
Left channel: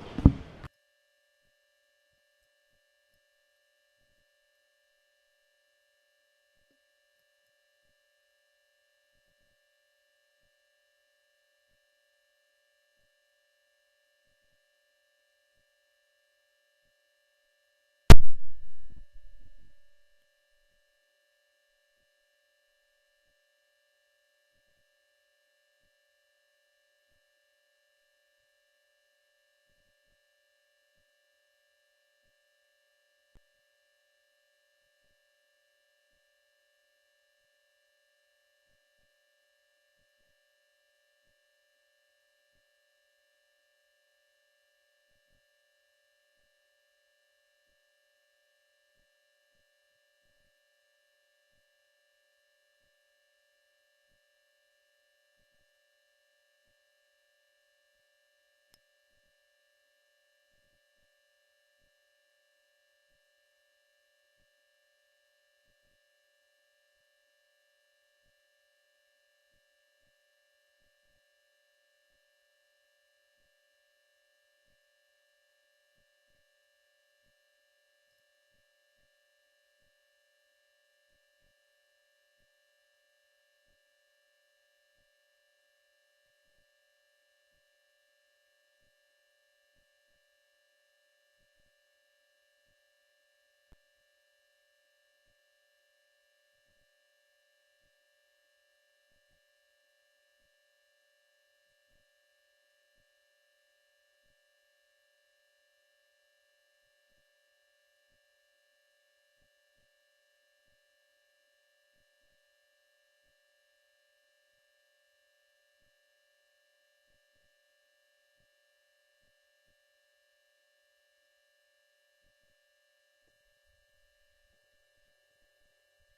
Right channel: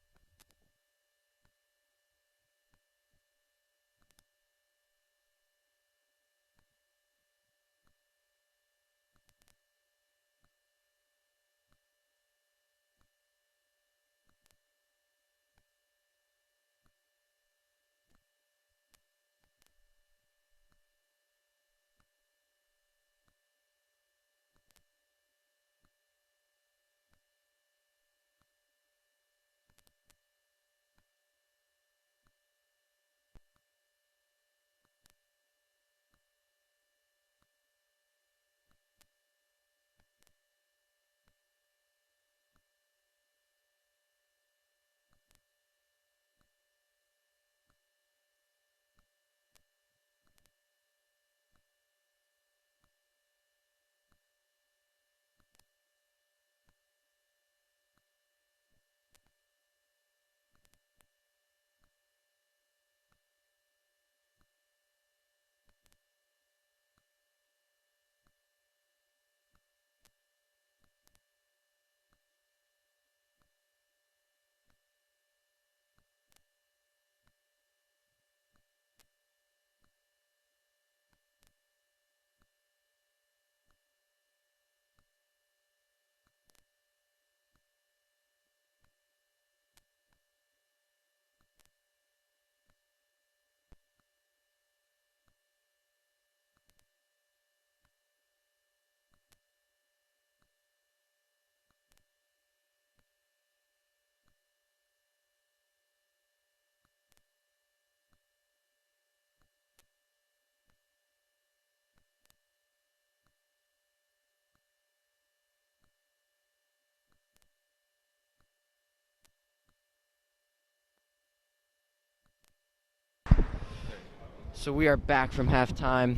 So we are back from halftime.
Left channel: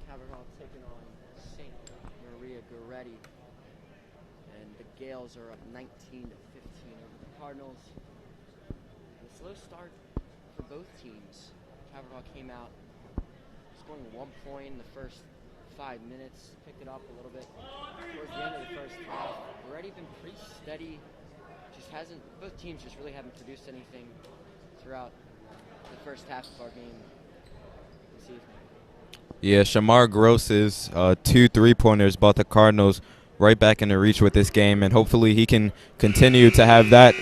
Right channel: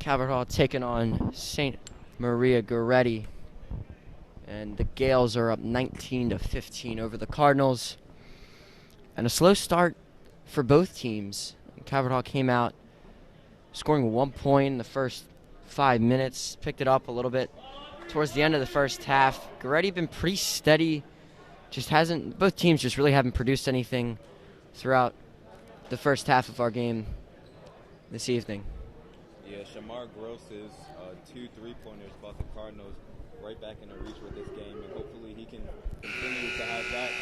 Calvert Hall taking on St. Maria Goretti. And the Gales are up 19-15 over the Cardinals. And a slow start for both teams. Calvert Hall came out scoring 1 point in the first 5 minutes, picked it up a little bit towards the end of the first half. Goretti been pretty steady. Both teams just really haven't produced anything throughout the first half of our game this evening. Yeah, Shamar Gross's 2 3-pointers brought the Cardinals right back into reach with this game, and hopefully he can continue to have that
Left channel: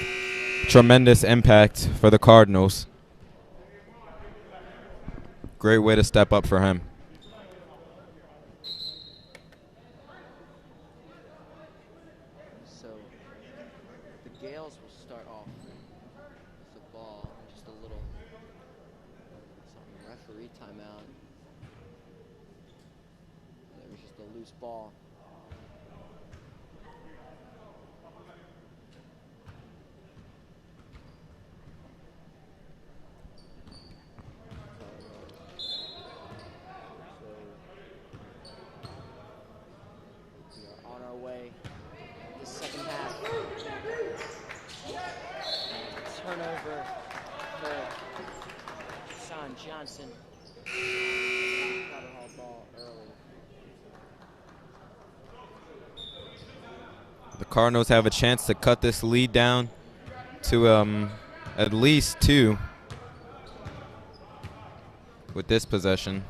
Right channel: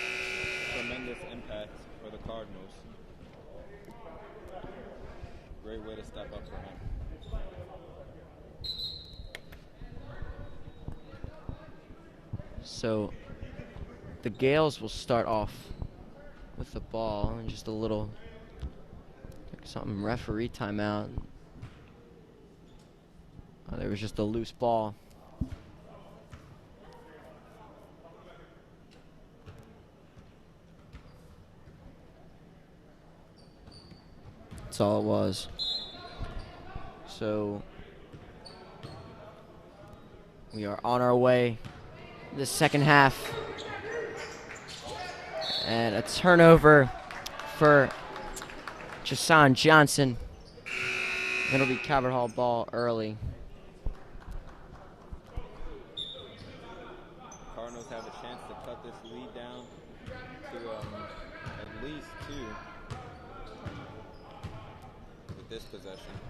tremendous impact for the Cardinals. Great way to step up for him. So the Gales will start off with the ball and just a little something referee timeout. There was just a loose ball. That's all it was. So we are on our way this second half. And a turnover for Jason Johnson. It'll be Calvert Hall ball early. The Cardinals have a chance to cut this lead down to at least 2 with this possession.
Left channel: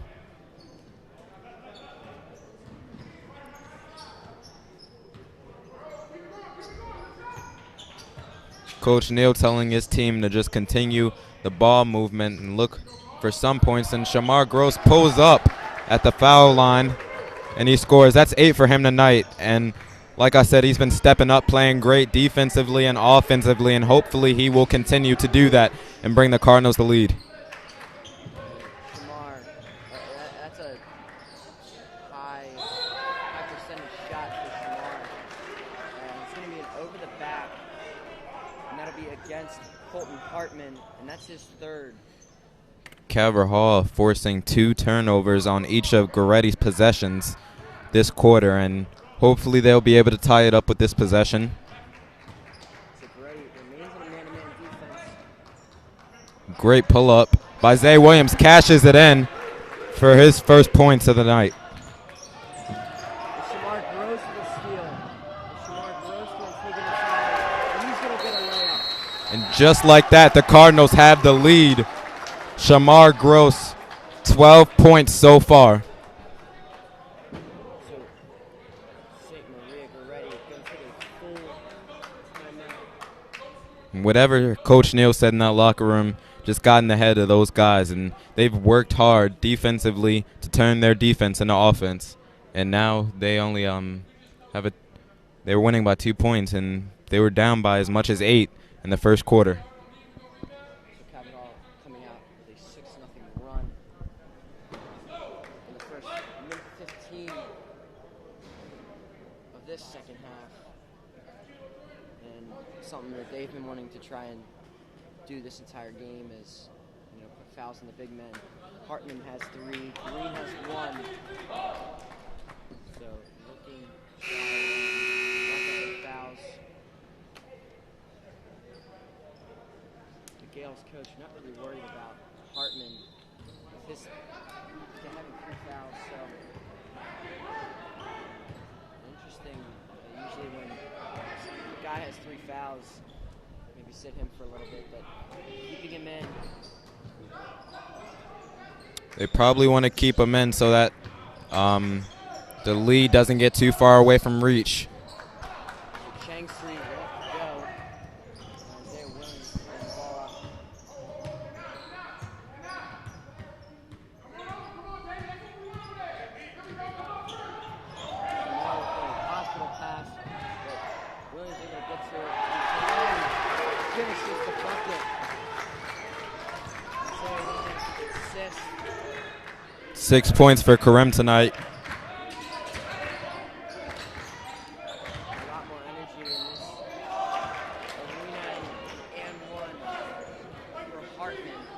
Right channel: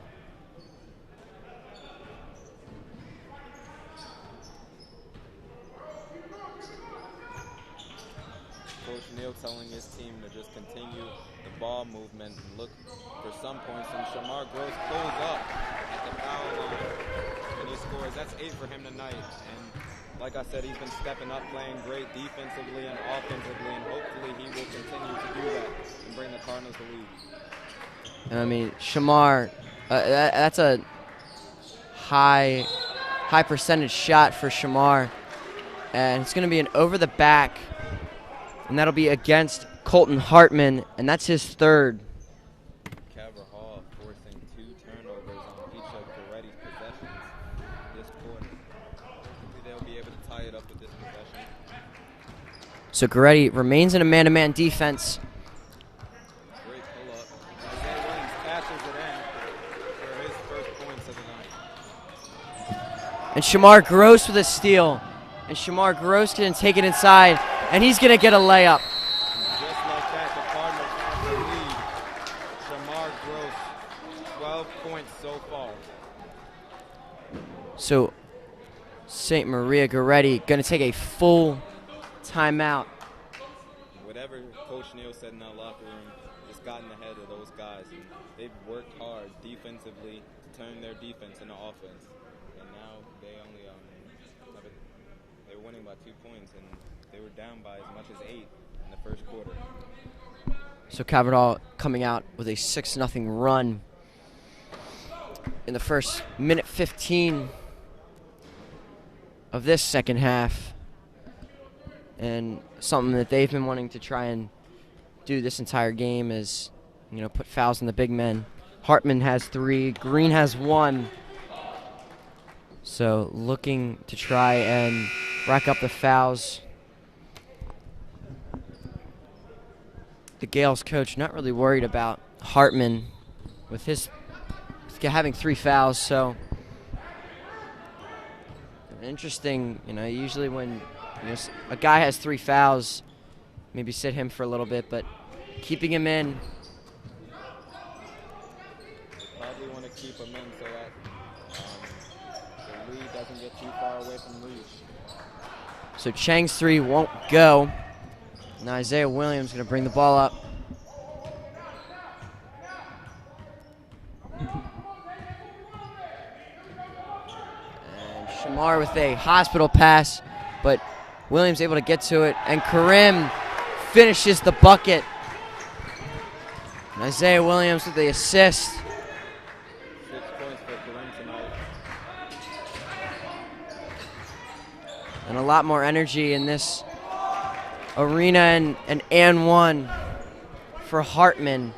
Coach Neal telling his team to just continue the ball movement and look for some points. And Shamar Gross pulls up at the foul line, and he scores. That's 8 for him tonight. And like I said, he's been stepping up, playing great defensively and offensively, and hopefully he will continue to do that and bring the Cardinals the lead. I mean, Shamar, that's a high percentage shot for Shamar. And it's going to be an over the back. And that'll be against Colton Hartman, and that's his 3rd. Calvert Hall forcing 2 turnovers on each of Goretti's possessions this quarter, and hopefully they'll be able to tie it up with this possession. So Goretti remains in a man-to-man defense. Great pull-up by Zay Williams, cashes it in for his first points of the night. And Shamar Gross with a steal. And Shamar Gross can take it inside. And he's going to get a layup. And just like that, the Cardinals have the lead. Shamar Gross, 12 points so far. So St. Maria Goretti going to take a full timeout. Whatever Coach Neal said in that locker room just got in the head of those guys, and they've worked hard defensively to turn their defense into offense. And now they only they were winning by 2 points, and they were down by as much as 8 in the first quarter. So Calvert Hall coming out with a 6-0 run in the first minute 15 of this second half. And something that they've been wanting to try and do this entire game is, put fouls on the big men. Hartman has 3, Green has 1. So looking to try and rack up the fouls. The Gales coach not really worried about Hartman with his having 3 fouls. So interesting, usually when a guy has 3 fouls, maybe sit him for a little bit, but keeping him in. They probably want to keep him in so that the lead doesn't get too far away from reach. So Chang's 3 won't go. Now Isaiah Williams going to bring the ball up. Shamar with a hospital pass, but Williams able to get to it, and Karim finishes the bucket. And Isaiah Williams with the assist. 6 points for Karim tonight. And a lot more energy in this arena, and 1 for Hartman.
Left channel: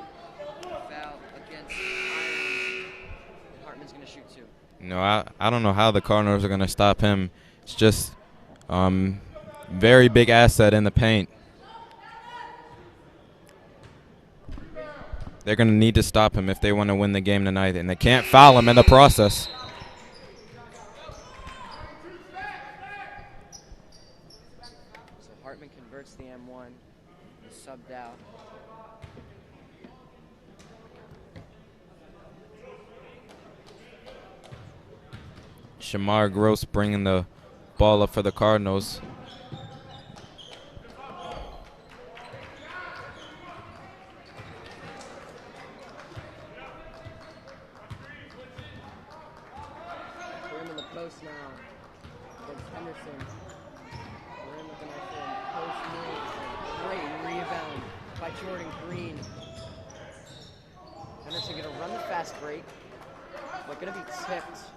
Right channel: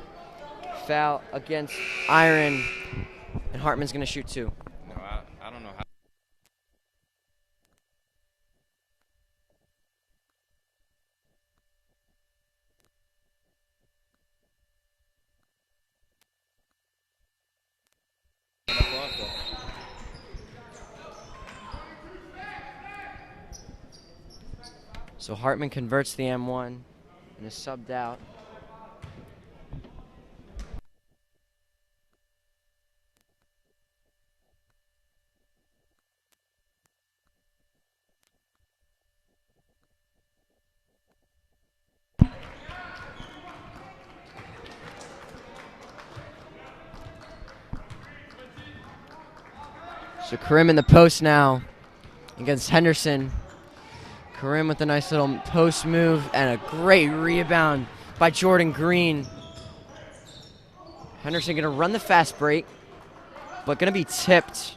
Foul against Iron, and Hartman's going to shoot 2. No, I don't know how the Cardinals are going to stop him. It's just very big asset in the paint. They're going to need to stop him if they want to win the game tonight, and they can't foul him in the process. So Hartman converts the M1 and is subbed out. Shamar Gross bringing the ball up for the Cardinals. So Karim in the post now against Henderson. Karim with a nice little post move and a great rebound by Jordan Green. Henderson going to run the fast break, but going to be tipped,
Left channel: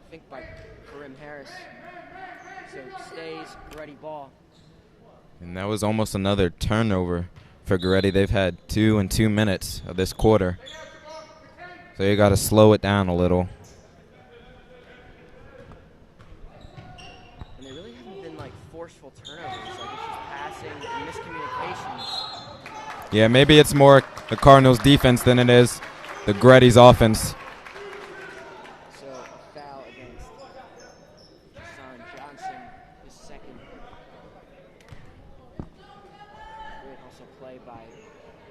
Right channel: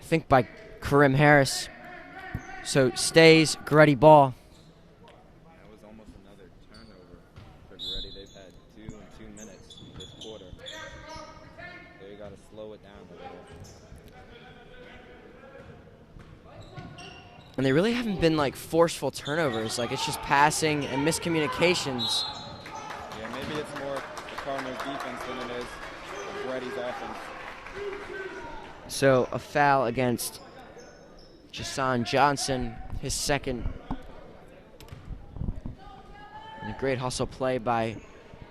I think, by Karim Harris. So stays Goretti ball. And that was almost another turnover for Goretti. They've had 2 in 2 minutes of this quarter. So you got to slow it down a little. And they really haven't been like forceful turnovers. Like, it's just passing and miscommunications. Yeah, maybe it's more the Cardinals' defense than it is the Goretti's offense. So a foul against Jason Johnson, his second. And a great hustle play by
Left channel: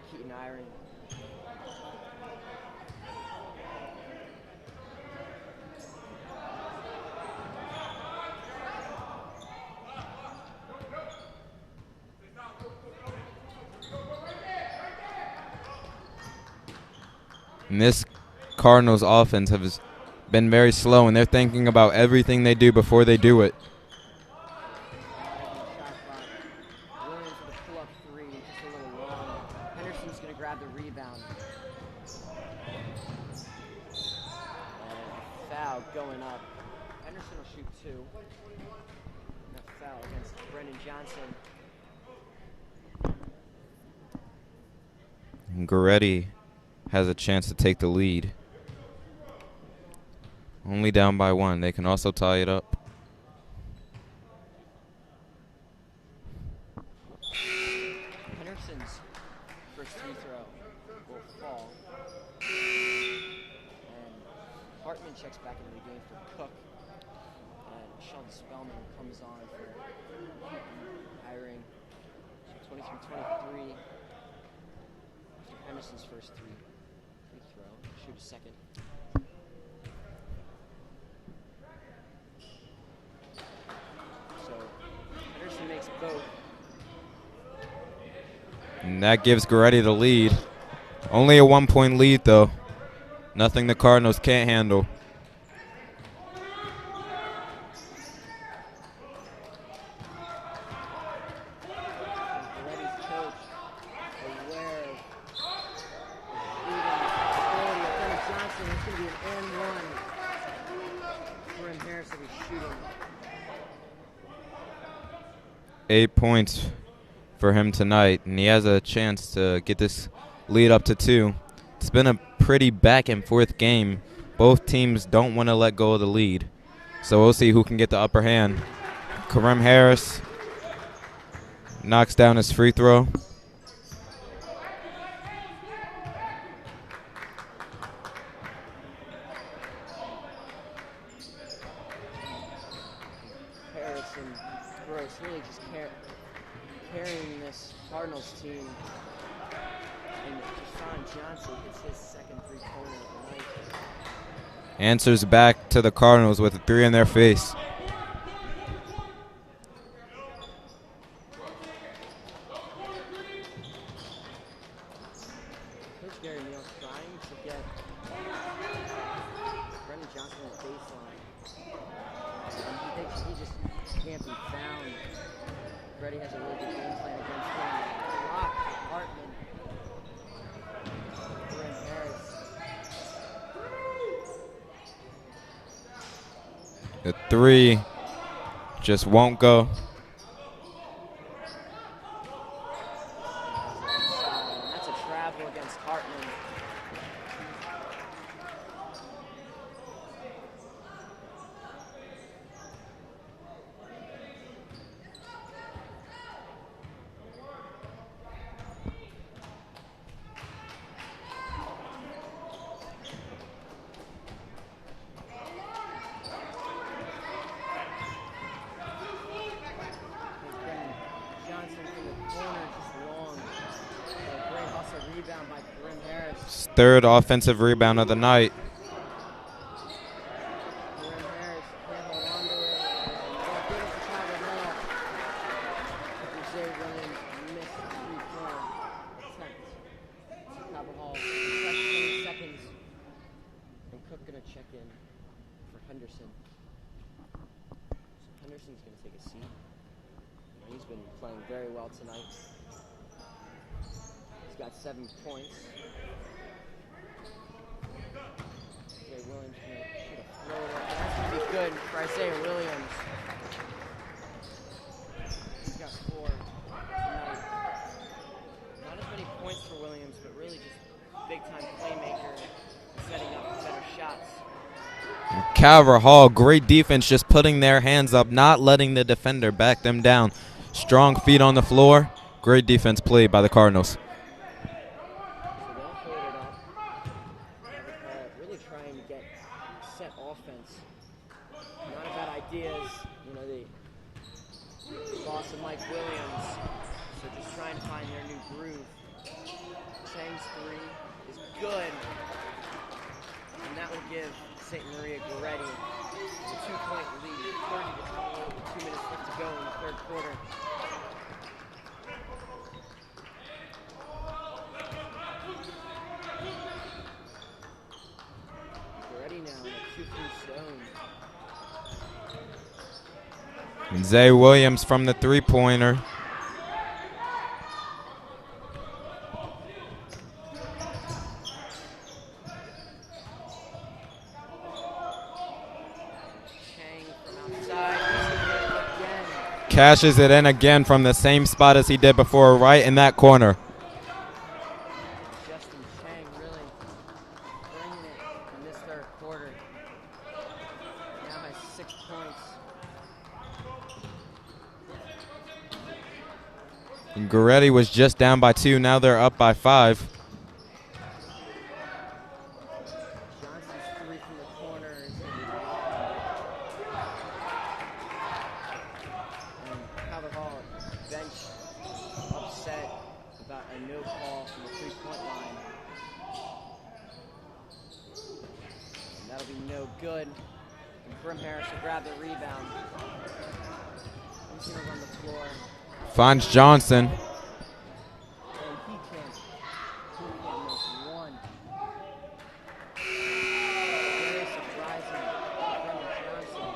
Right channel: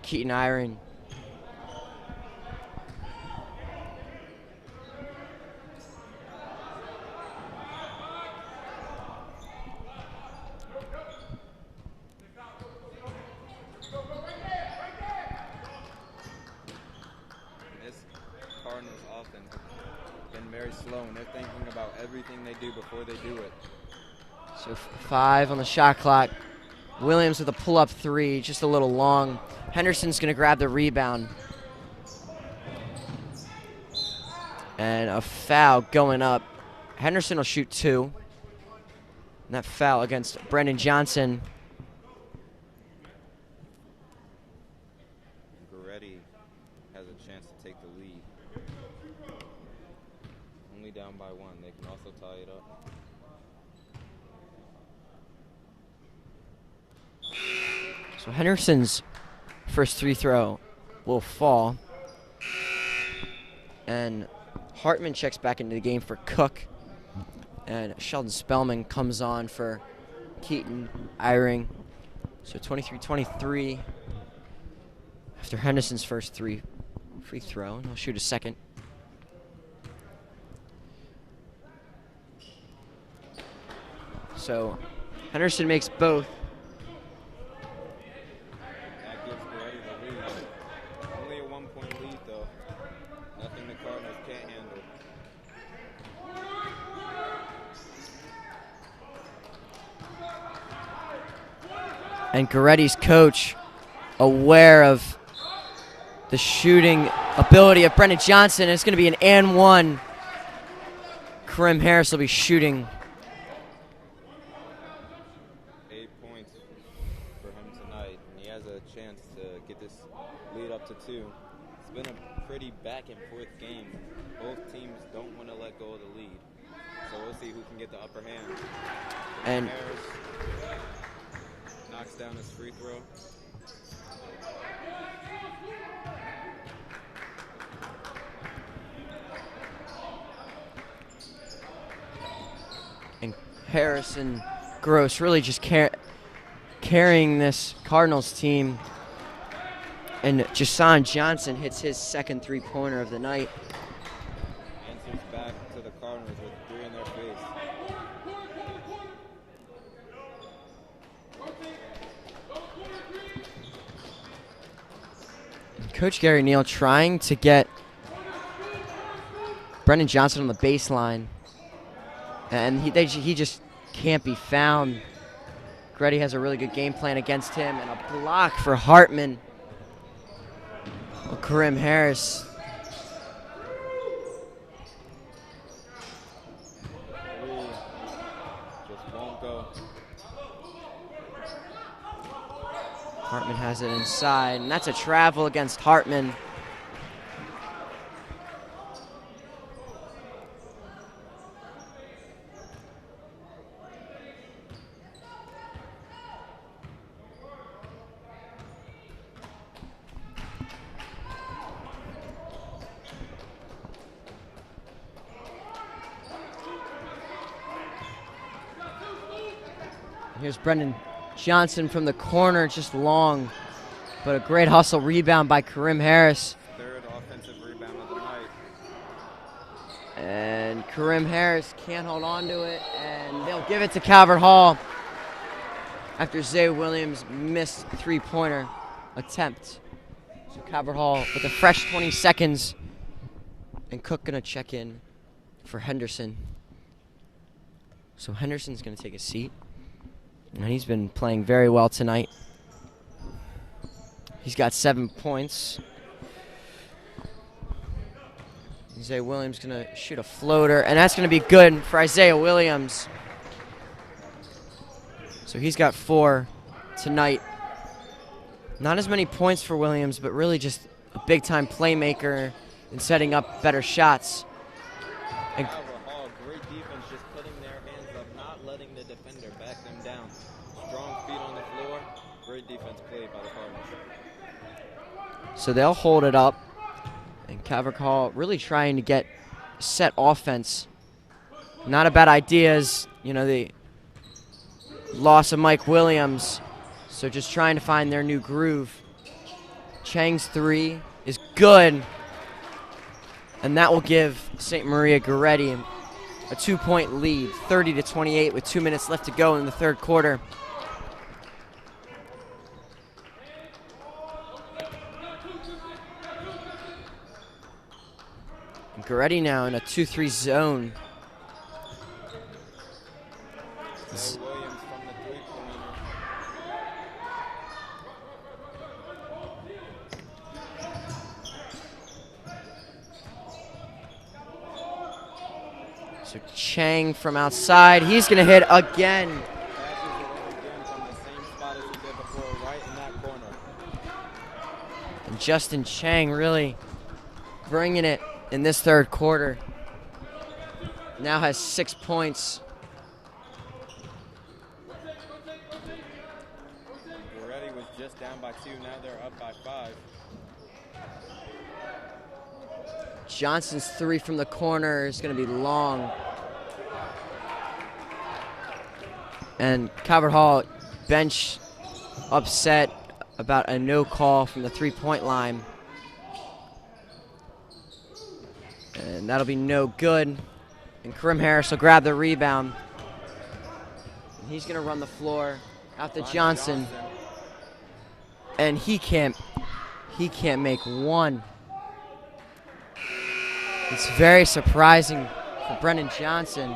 Keaton Iron. And this Cardinals offense has been very slow, and they're thinking about everything they do before they do it. So 5 on the shot clock. Williams with a pull-up 3, just a little long. Henderson's going to grab the rebound. And a foul going up. Henderson will shoot 2. And that foul against Brendan Johnson. And Goretti has a chance to take the lead. Only down by 1. They can also tie it up. So Henderson's first free throw will fall. And Hartman checks back into the game for Cook. And Sheldon Spellman comes on for Keaton, Eyring. So 23-23 after Henderson's first free throw, and he'll shoot a second. So Henderson makes both. And that gives Goretti the lead. Only a 1-point lead, though. Nothing the Cardinals can't handle. And Goretti's coach, aware of the shooting ability of Brendan Johnson. It's going to be an and one. Karim Harris will be shooting. 8 points for him tonight, and he has a chance to get this lead up to 2. It's been a pretty back and forth game. Both teams don't want to let go of the lead. So we'll see who can get the upper hand. Karim Harris knocks down his free throw. And Harris and Gross really just carrying this Cardinals team. And Jason Johnson hits his second three-pointer of the night. Answers back to the Cardinals with a 3 in their face. Coach Gary Neal trying to get Brendan Johnson on the baseline, and he just can't be found. Goretti has a really good game plan against him, and a block for Hartman. Karim Harris. The 3 just won't go. Hartman has it inside, and that's a travel against Hartman. Here's Brendan Johnson from the corner, just long, but a great hustle rebound by Karim Harris. 3rd offensive rebound of the night. And Karim Harris can't hold on to it, and they'll give it to Calvert Hall after Zay Williams missed three-pointer attempt. So Calvert Hall with a fresh 20 seconds, and Cook gonna check in for Henderson. So Henderson's gonna take a seat. And he's been playing very well tonight. He's got 7 points. Isaiah Williams gonna shoot a floater, and that's gonna be good for Isaiah Williams. So he's got 4 tonight. Not as many points for Williams, but really just a big-time playmaker and setting up better shots. Calvert Hall, great defense, just putting their hands up, not letting the defender back them down. Strong feet on the floor. Great defense played by the Cardinals. So they'll hold it up. And Calvert Hall really trying to get set offense. Not a bad idea as, the loss of Mike Williams. So just trying to find their new groove. Chang's 3 is good. And that will give St. Maria Goretti a 2-point lead, 30-28 with 2 minutes left to go in the third quarter. Goretti now in a 2-3 zone. And Zay Williams from the three-pointer. Chang from outside. He's going to hit again. Cashes it in again from the same spot as he did before, right in that corner. And Justin Chang really bringing it in this third quarter. Now has 6 points. And Goretti was just down by 2. Now they're up by 5. Johnson's 3 from the corner is going to be long. And Calvert Hall bench upset about a no call from the three-point line. And that'll be no good. And Karim Harris will grab the rebound. He's gonna run the floor. Out to Finds Johnson. And he can't make one. It's very surprising for Brendan Johnson.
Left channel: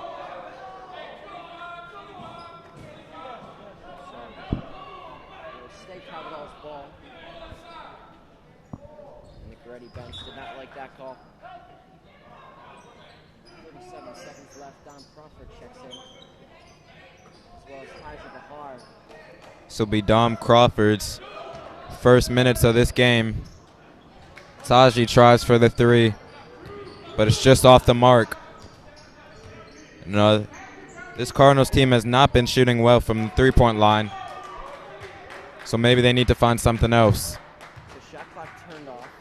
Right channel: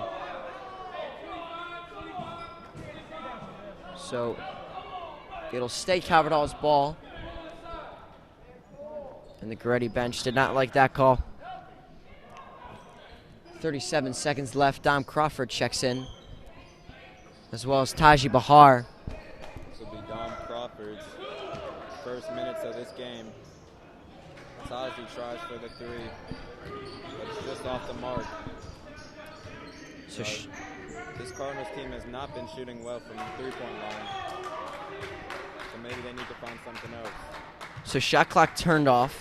So it'll stay Calvert Hall's ball. And the Goretti bench did not like that call. 37 seconds left. Dom Crawford checks in, as well as Taji Bahar. This will be Dom Crawford's first minutes of this game. Taji tries for the three, but it's just off the mark. No, this Cardinals team has not been shooting well from the three-point line, so maybe they need to find something else. So shot clock turned off.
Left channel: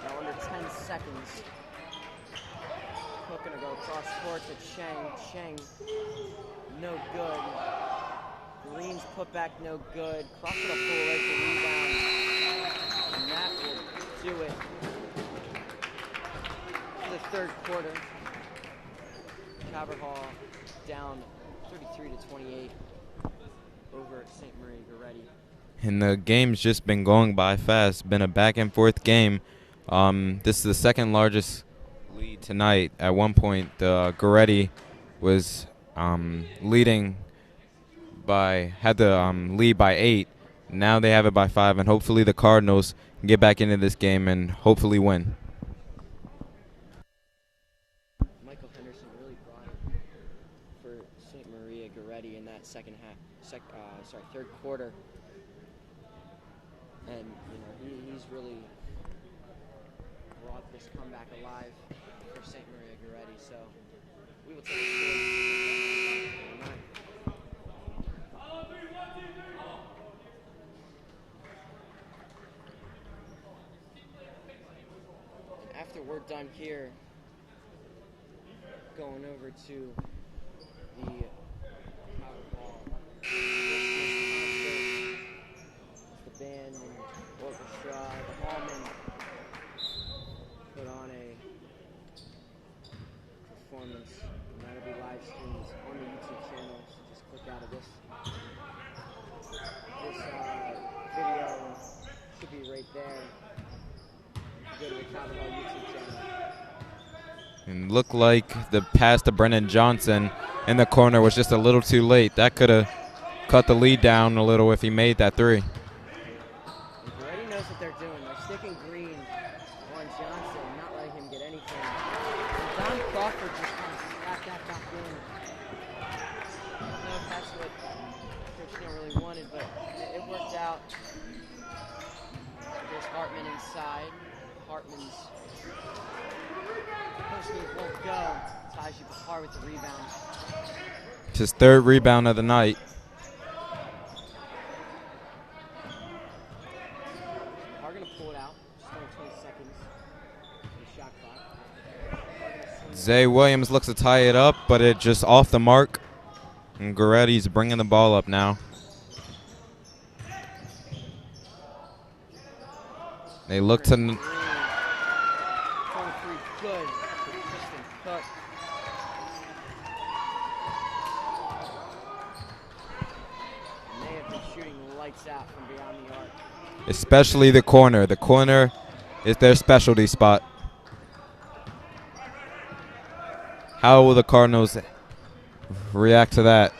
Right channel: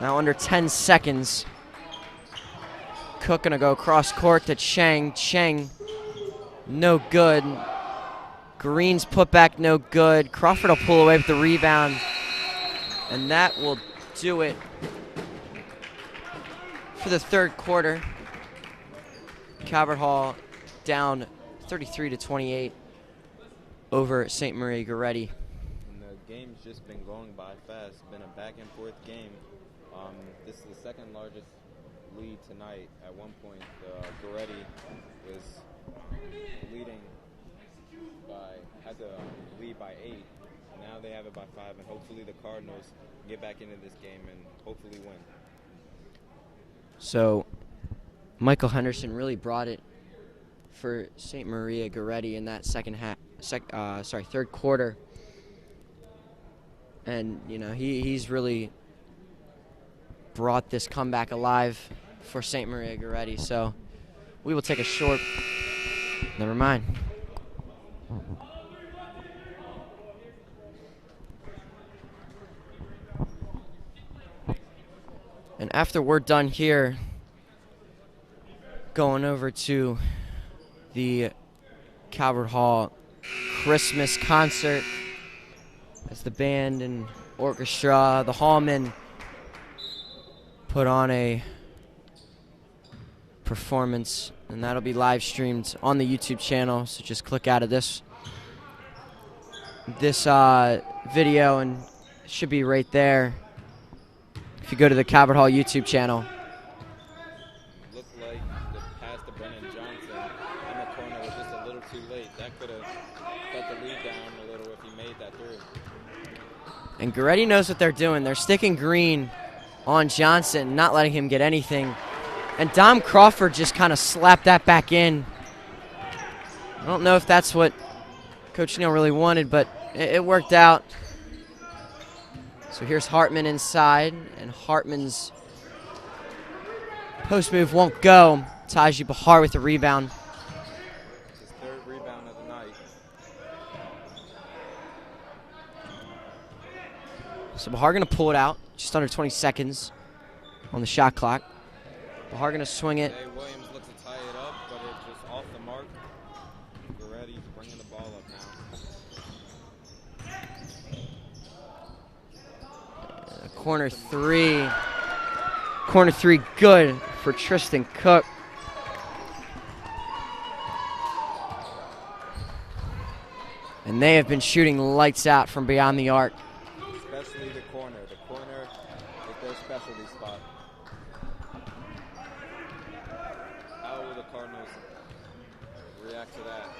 Now under 10 seconds. Cook gonna go cross court to Cheng. Cheng, no good. Green's putback, no good. Crawford will pull away with the rebound. And that will do it for the third quarter. Calvert Hall down 33-28 over St. Maria Goretti. And the game's just been going by fast. Been a back and forth game. This is the second largest lead tonight. At one point, Goretti was leading had the lead by 8. Now they have it by 5, and hopefully the Cardinals can get back into this game and hopefully win. So Michael Henderson really brought it for St. Maria Goretti in that third quarter. And you know, he's really brought this comeback alive for St. Maria Goretti. So we will take a short, never mind. And after we're done here, going over to the Calvert Hall Christmas concert as the band and orchestra, the Hallman, put on a performance, and that'll be live streamed on the YouTube channel. So just click out of this video, and it should be right there if you go to the Calvert Hall YouTube channel. And looked like the pass to Brendan Johnson in the corner was just a little too late. That could have cut the lead down a little if he made that three. And Goretti knows what they're doing. They're sticking Green on Johnson, not letting him get anything. And Dom Crawford just kind of slapped that back in. I don't know if that's what Coach Neal really wanted, but it worked out. So here's Hartman inside, and Hartman's post move won't go. Taji Bahar with the rebound. It's his third rebound of the night. So Bahar gonna pull it out, just under 20 seconds on the shot clock. Bahar gonna swing it. Zay Williams looks to tie it up, but it just off the mark. And Goretti's bringing the ball up now. They look to three. Corner three, good for Tristan Cook. And they have been shooting lights out from beyond the arc. Especially the corner. The corner is their specialty spot. How will the Cardinals react to that?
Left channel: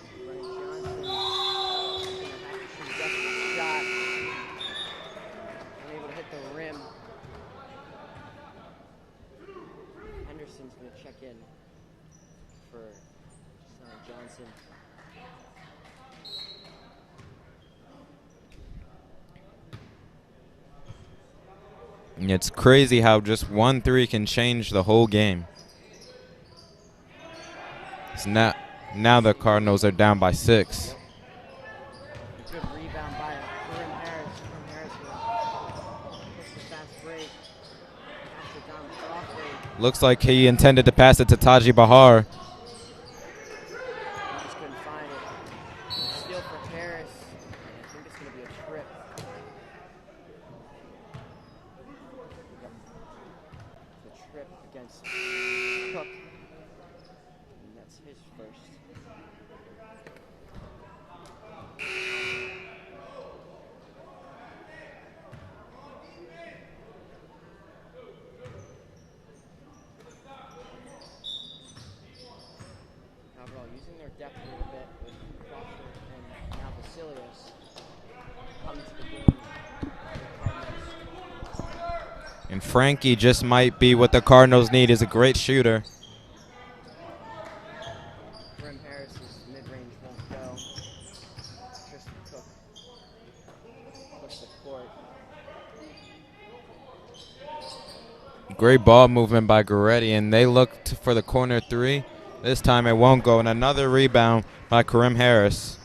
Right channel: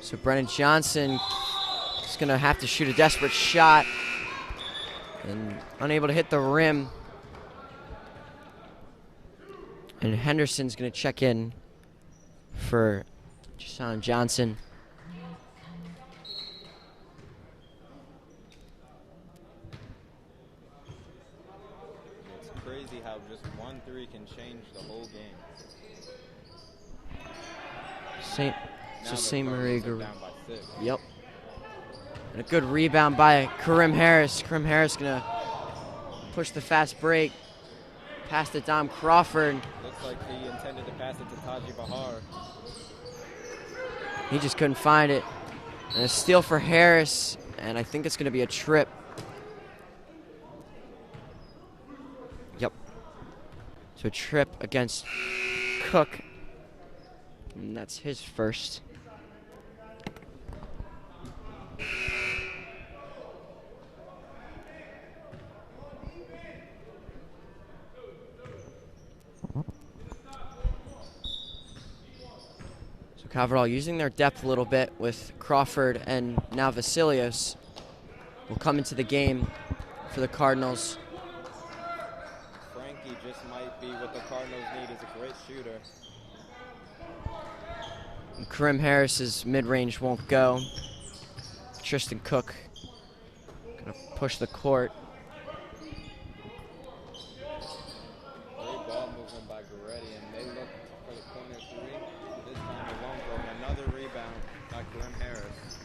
So Brennan Johnson is going to have to shoot a desperate shot and unable to hit the rim. And Henderson's going to check in for Jason Johnson. And it's crazy how just 1-3 can change the whole game. So now the Cardinals are down by 6. Yep. And a good rebound by Karim Harris. Karim Harris going to push the fast break. Pass to Dom Crawford. Looks like he intended to pass it to Taji Bahar. He just couldn't find it. And a steal for Harris, and I think it's going to be a trip. Yep. So a trip against Cook. And that's his first. Caverdall using their depth a little bit with Crawford and now Vasilios will come into the game for the Cardinals. And Frankie just might be what the Cardinals need. Is a great shooter. And Karim Harris's mid-range won't go. Tristan Cook gonna push the court. Great ball movement by Goretti, and they looked for the corner three. This time it won't go, and another rebound by Karim Harris.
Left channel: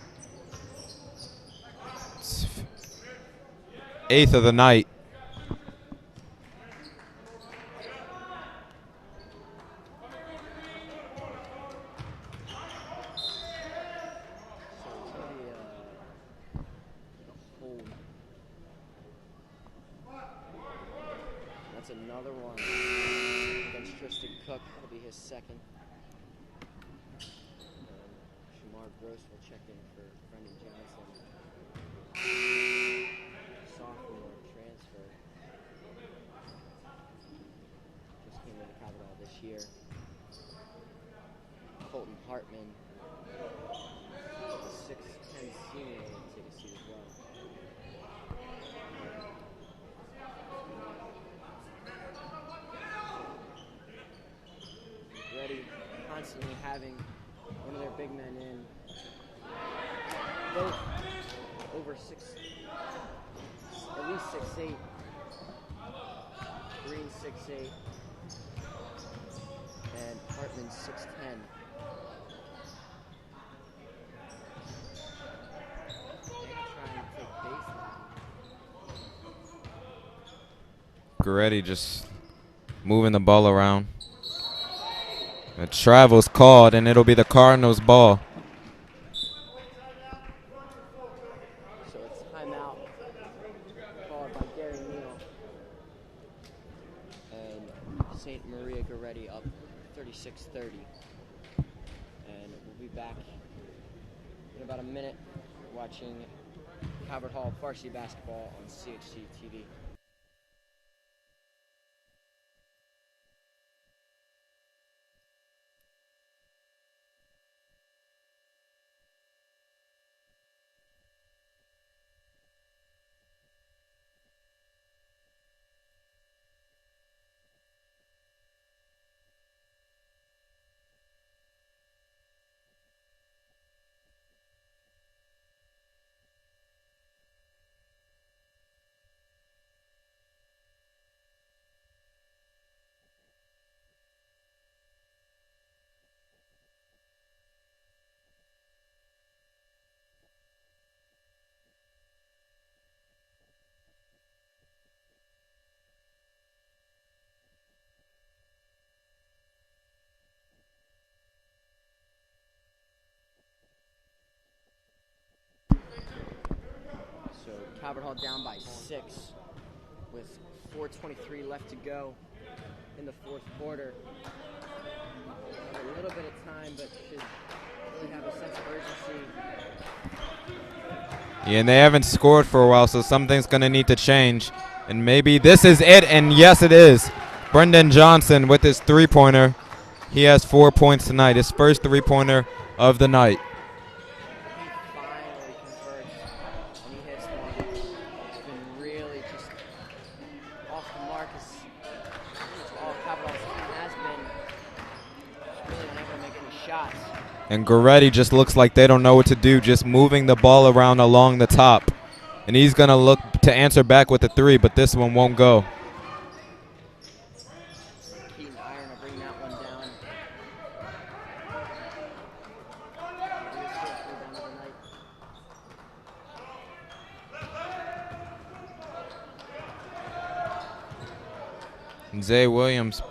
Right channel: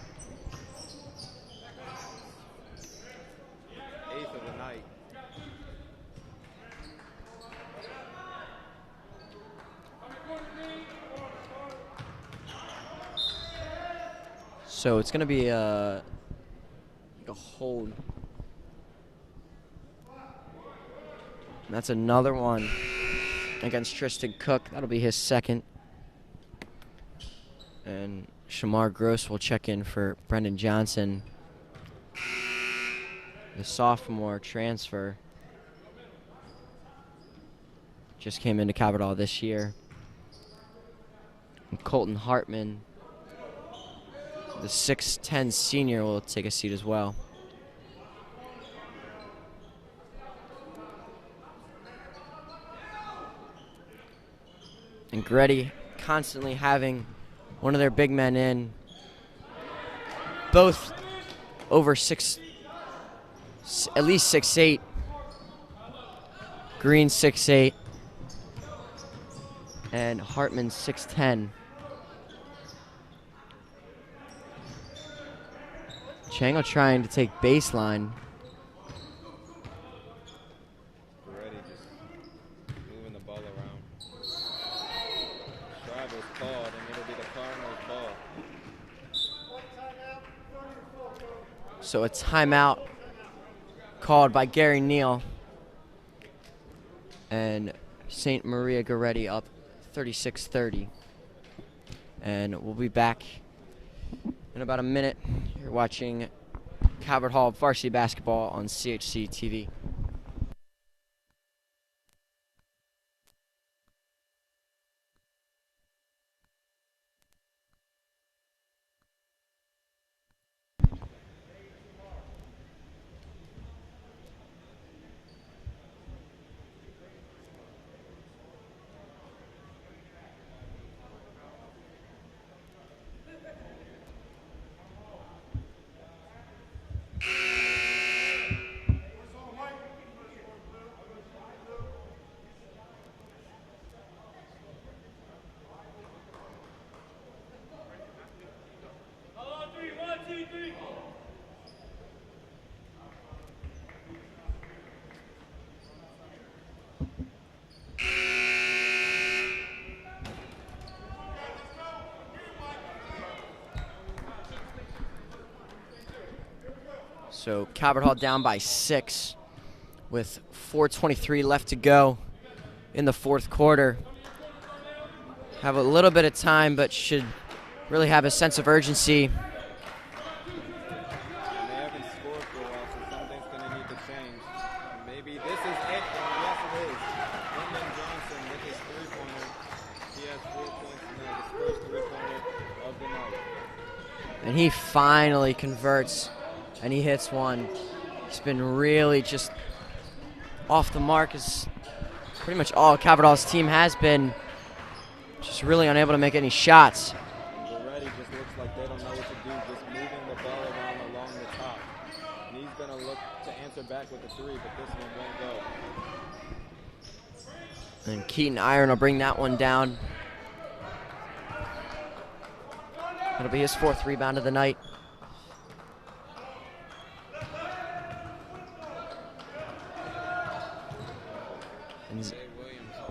8th of the night. So it's going to be a hold. And that's another one against Tristan Cook. That'll be his second. And Shamar Gross will check in for Brendan Johnson, the sophomore transfer. Just came into Caverdall this year. And Colton Hartman, the 6'10 senior, will take a seat as well. And Goretti constantly having one of their big men in, both over at least 6'8". Green 6'8", and Hartman 6'10". Chango trying to take baseline. Goretti just moving the ball around. The travel's called, and it'll be the Cardinals' ball. So a timeout called by Gary Neal. And St. Maria Goretti up 36-30. And we'll be back in about a minute. You're watching Calvert Hall Varsity Basketball on CHC TV. So Calvert Hall down by 6 with 4:23 left to go in the fourth quarter. Have a little bit of time, but should really have a sense of urgency. Yeah, and they haven't scored for a while, so something's going to need to change. And maybe this is it, and yes, it is. Brendan Johnson with his three-pointer. He has 4 points tonight, his first three-pointer of the night. And he finally converts, and he hits one. It's been really just off the mark, as pretty much all Calvert Hall's team has been. Just really unable to make any shots. And Goretti just looks like they don't know what to do, just moving the ball around along the top. And he's going to look to answer back with a three, but this one won't go. And Keaton Iron will bring that one down. It'll be his fourth rebound of the night. Zay Williams,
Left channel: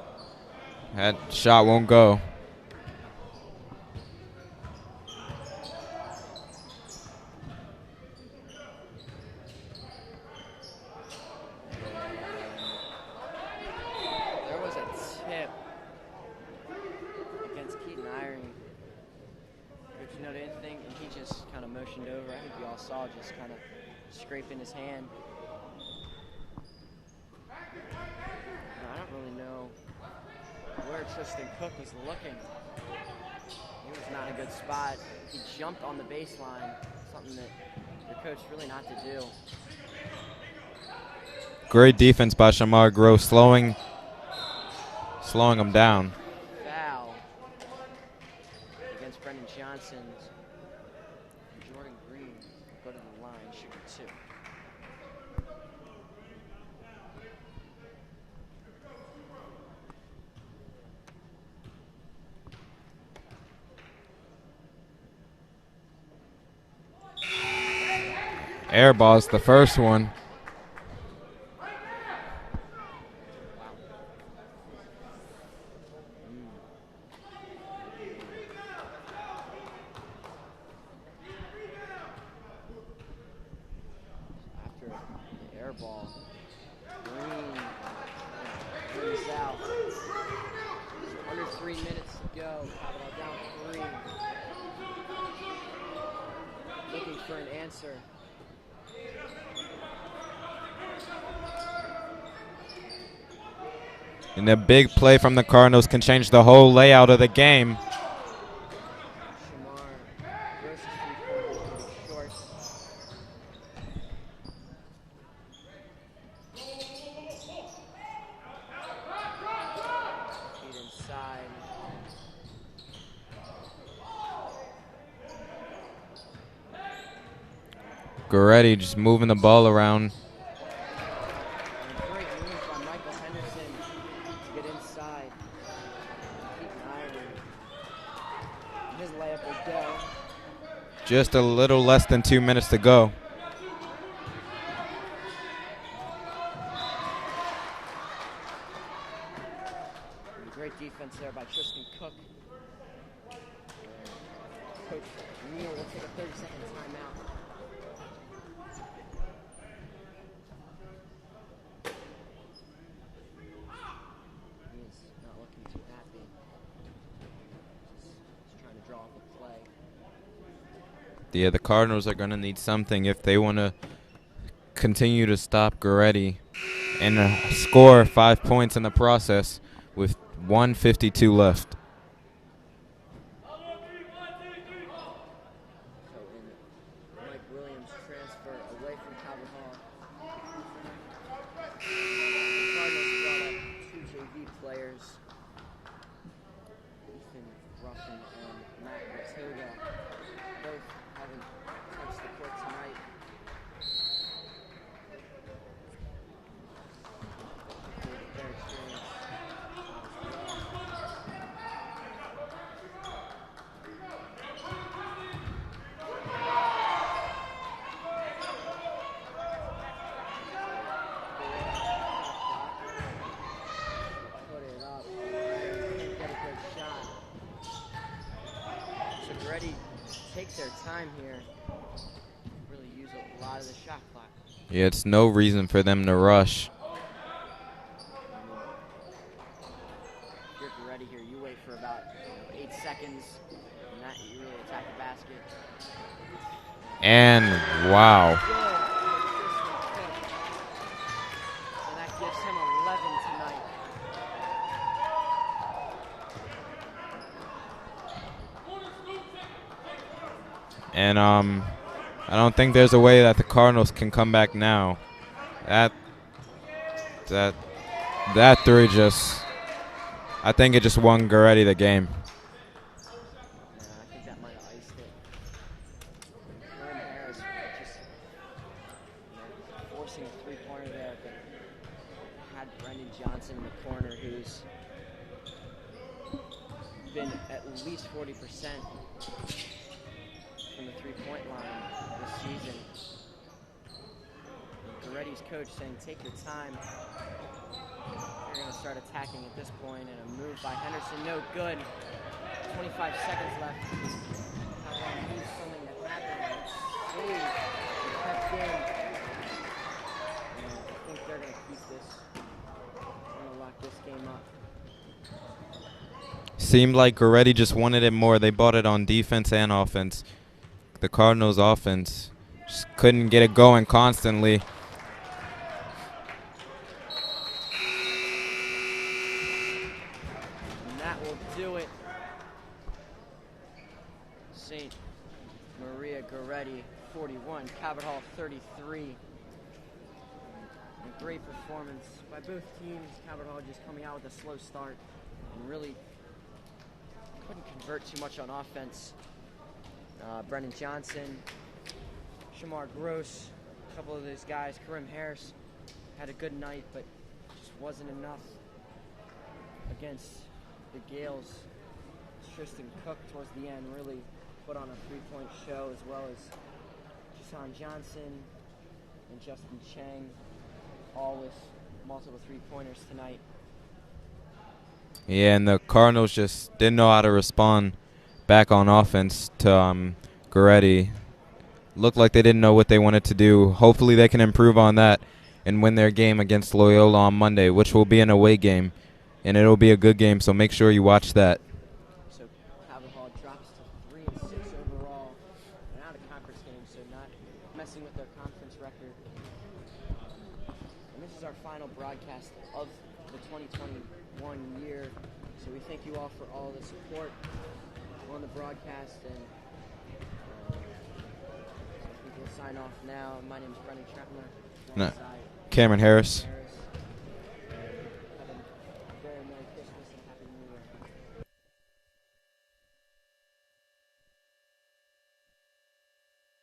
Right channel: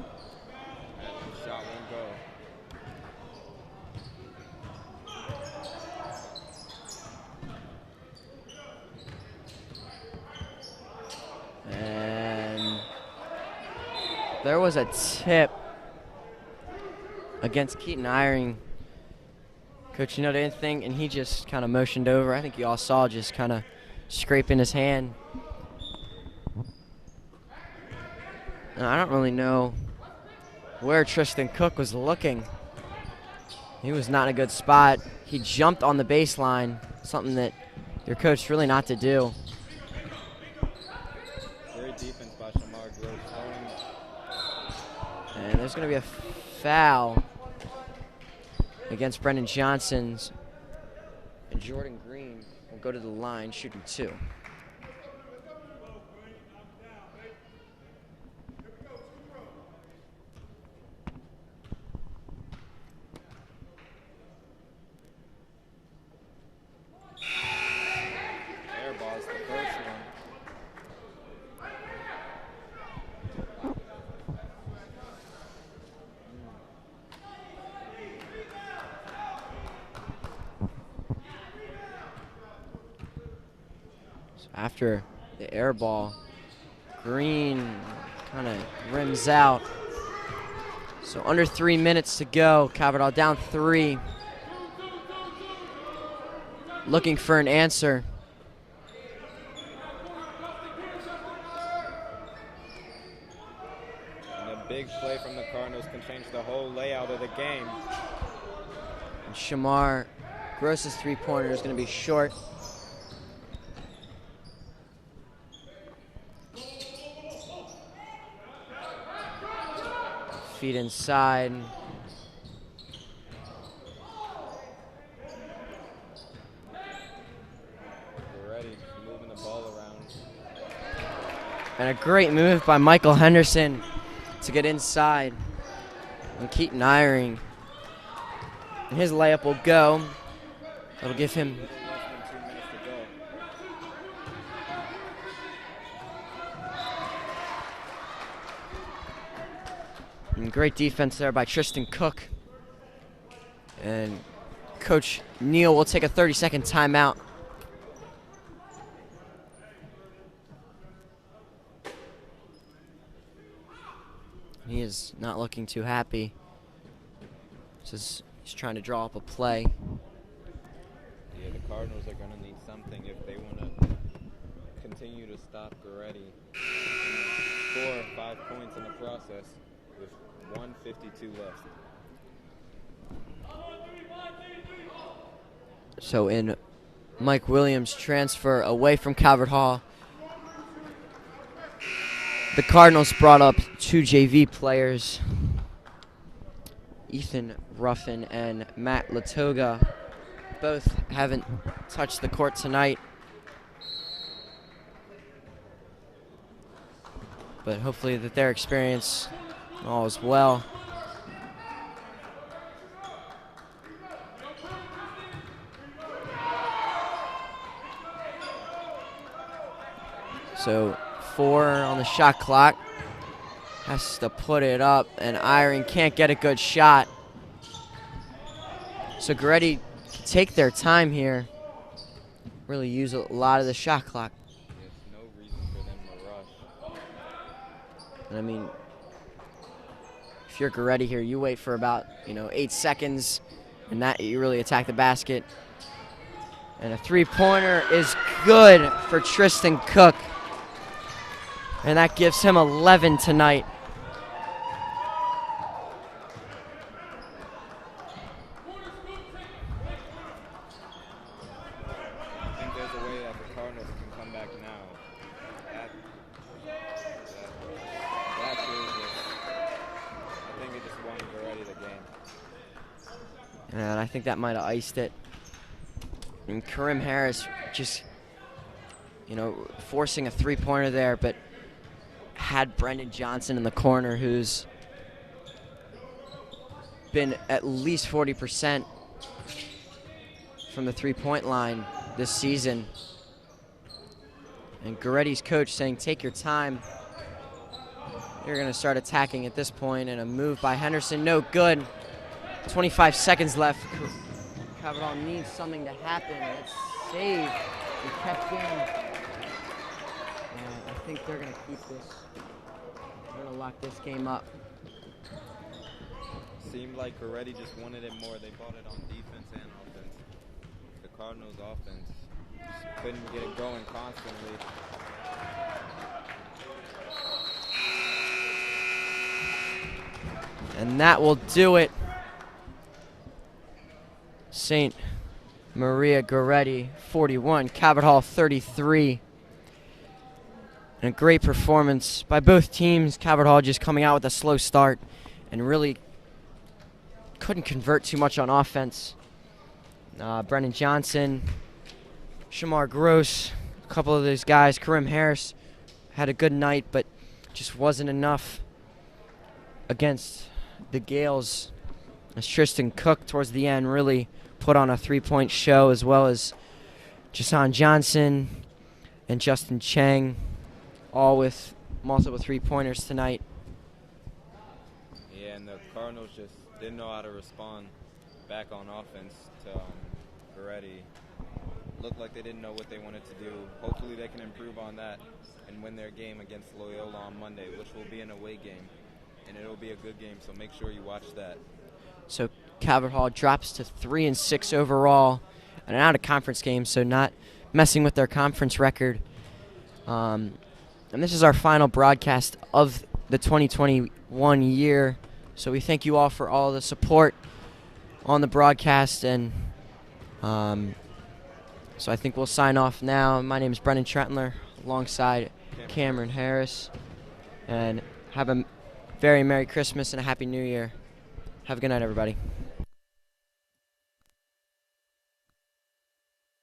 that shot won't go. And there was a tip against Keaton Eyring. Coach, didn't think, and he just kind of motioned over. I think you all saw just kind of scraping his hand. Now, I don't really know where Tristan Cook was looking. He was not in a good spot. He jumped on the baseline, something that your coach really not to do. Great defense by Shamar Gross, slowing him down. Foul against Brendan Johnson's. And Jordan Green will go to the line shooting 2. Air ball's the first one. After the air ball, Green kind of rims out. So under 3 minutes to go. Calvert down 3. Looking for an answer. And a big play from the Cardinals can change the whole layout of the game. Shamar Gross's 3-pointer is going to be short. Feet inside. Goretti just moving the ball around. And a great move by Michael Henderson to get inside. And Keaton Eyring. And his layup will go. Just a little less than 2 minutes to go. And great defense there by Tristan Cook. And Coach Neal will take a 30-second timeout. He is not looking too happy. He's trying to draw up a play. Yeah, the Cardinals are going to need something if they want to continue to stop Goretti and score 5 points in the process with 1:52 left. So in Mike Williams' transfer away from Calvert Hall, the Cardinals brought up 2 JV players, Ethan Ruffin and Matt Latoga. Both haven't touched the court tonight, but hopefully that their experience all is well. So 4 on the shot clock. Has to put it up, and Eyring can't get a good shot. So Goretti take their time here. Really use a lot of the shot clock. Yeah, it's no reason for them to rush. I mean, if you're Goretti here, you wait for about 8 seconds, and that you really attack the basket. And a 3-pointer is good for Tristan Cook. And that gives him 11 tonight. And I don't think there's a way that the Cardinals can come back now. That 3 I think it just won Goretti the game. And I think that might have iced it. And Karim Harris just, forcing a 3-pointer there, but had Brendan Johnson in the corner, who's been at least 40% from the 3-point line this season. And Goretti's coach saying, take your time. They're going to start attacking at this point, and a move by Henderson, no good. 25 seconds left. Caverdall needs something to happen. It's saved. He kept in. I think they're going to keep this. They're going to lock this game up. Seemed like Goretti just wanted it more. They bought it on defense and offense. The Cardinals' offense just couldn't get it going constantly. And that will do it. St. Maria Goretti 41, Caverdall 33. And a great performance by both teams. Caverdall just coming out with a slow start and really couldn't convert too much on offense. Brennan Johnson, Shamar Gross, a couple of those guys, Karim Harris had a good night, but just wasn't enough against the Gales. As Tristan Cook towards the end really put on a three-point show, as well as Jason Johnson and Justin Chang, all with multiple three-pointers tonight. Yeah, and the Cardinals just didn't know how to respond back on offense to Goretti. Looked like they didn't know what they wanted to do. Hopefully they can improve on that and win their game against Loyola on Monday, which will be an away game. And it'll be a good game, so make sure you watch that. So Caverdall drops to 3-6 overall, and an out-of-conference game, so not messing with their conference record. And this is our final broadcast of the 2021 year. So we thank you all for all the support on the broadcast, and so I think we'll sign off now. My name is Brendan Trentler, alongside Cameron Harris. And have a very Merry Christmas and a Happy New Year. Have a good night, everybody.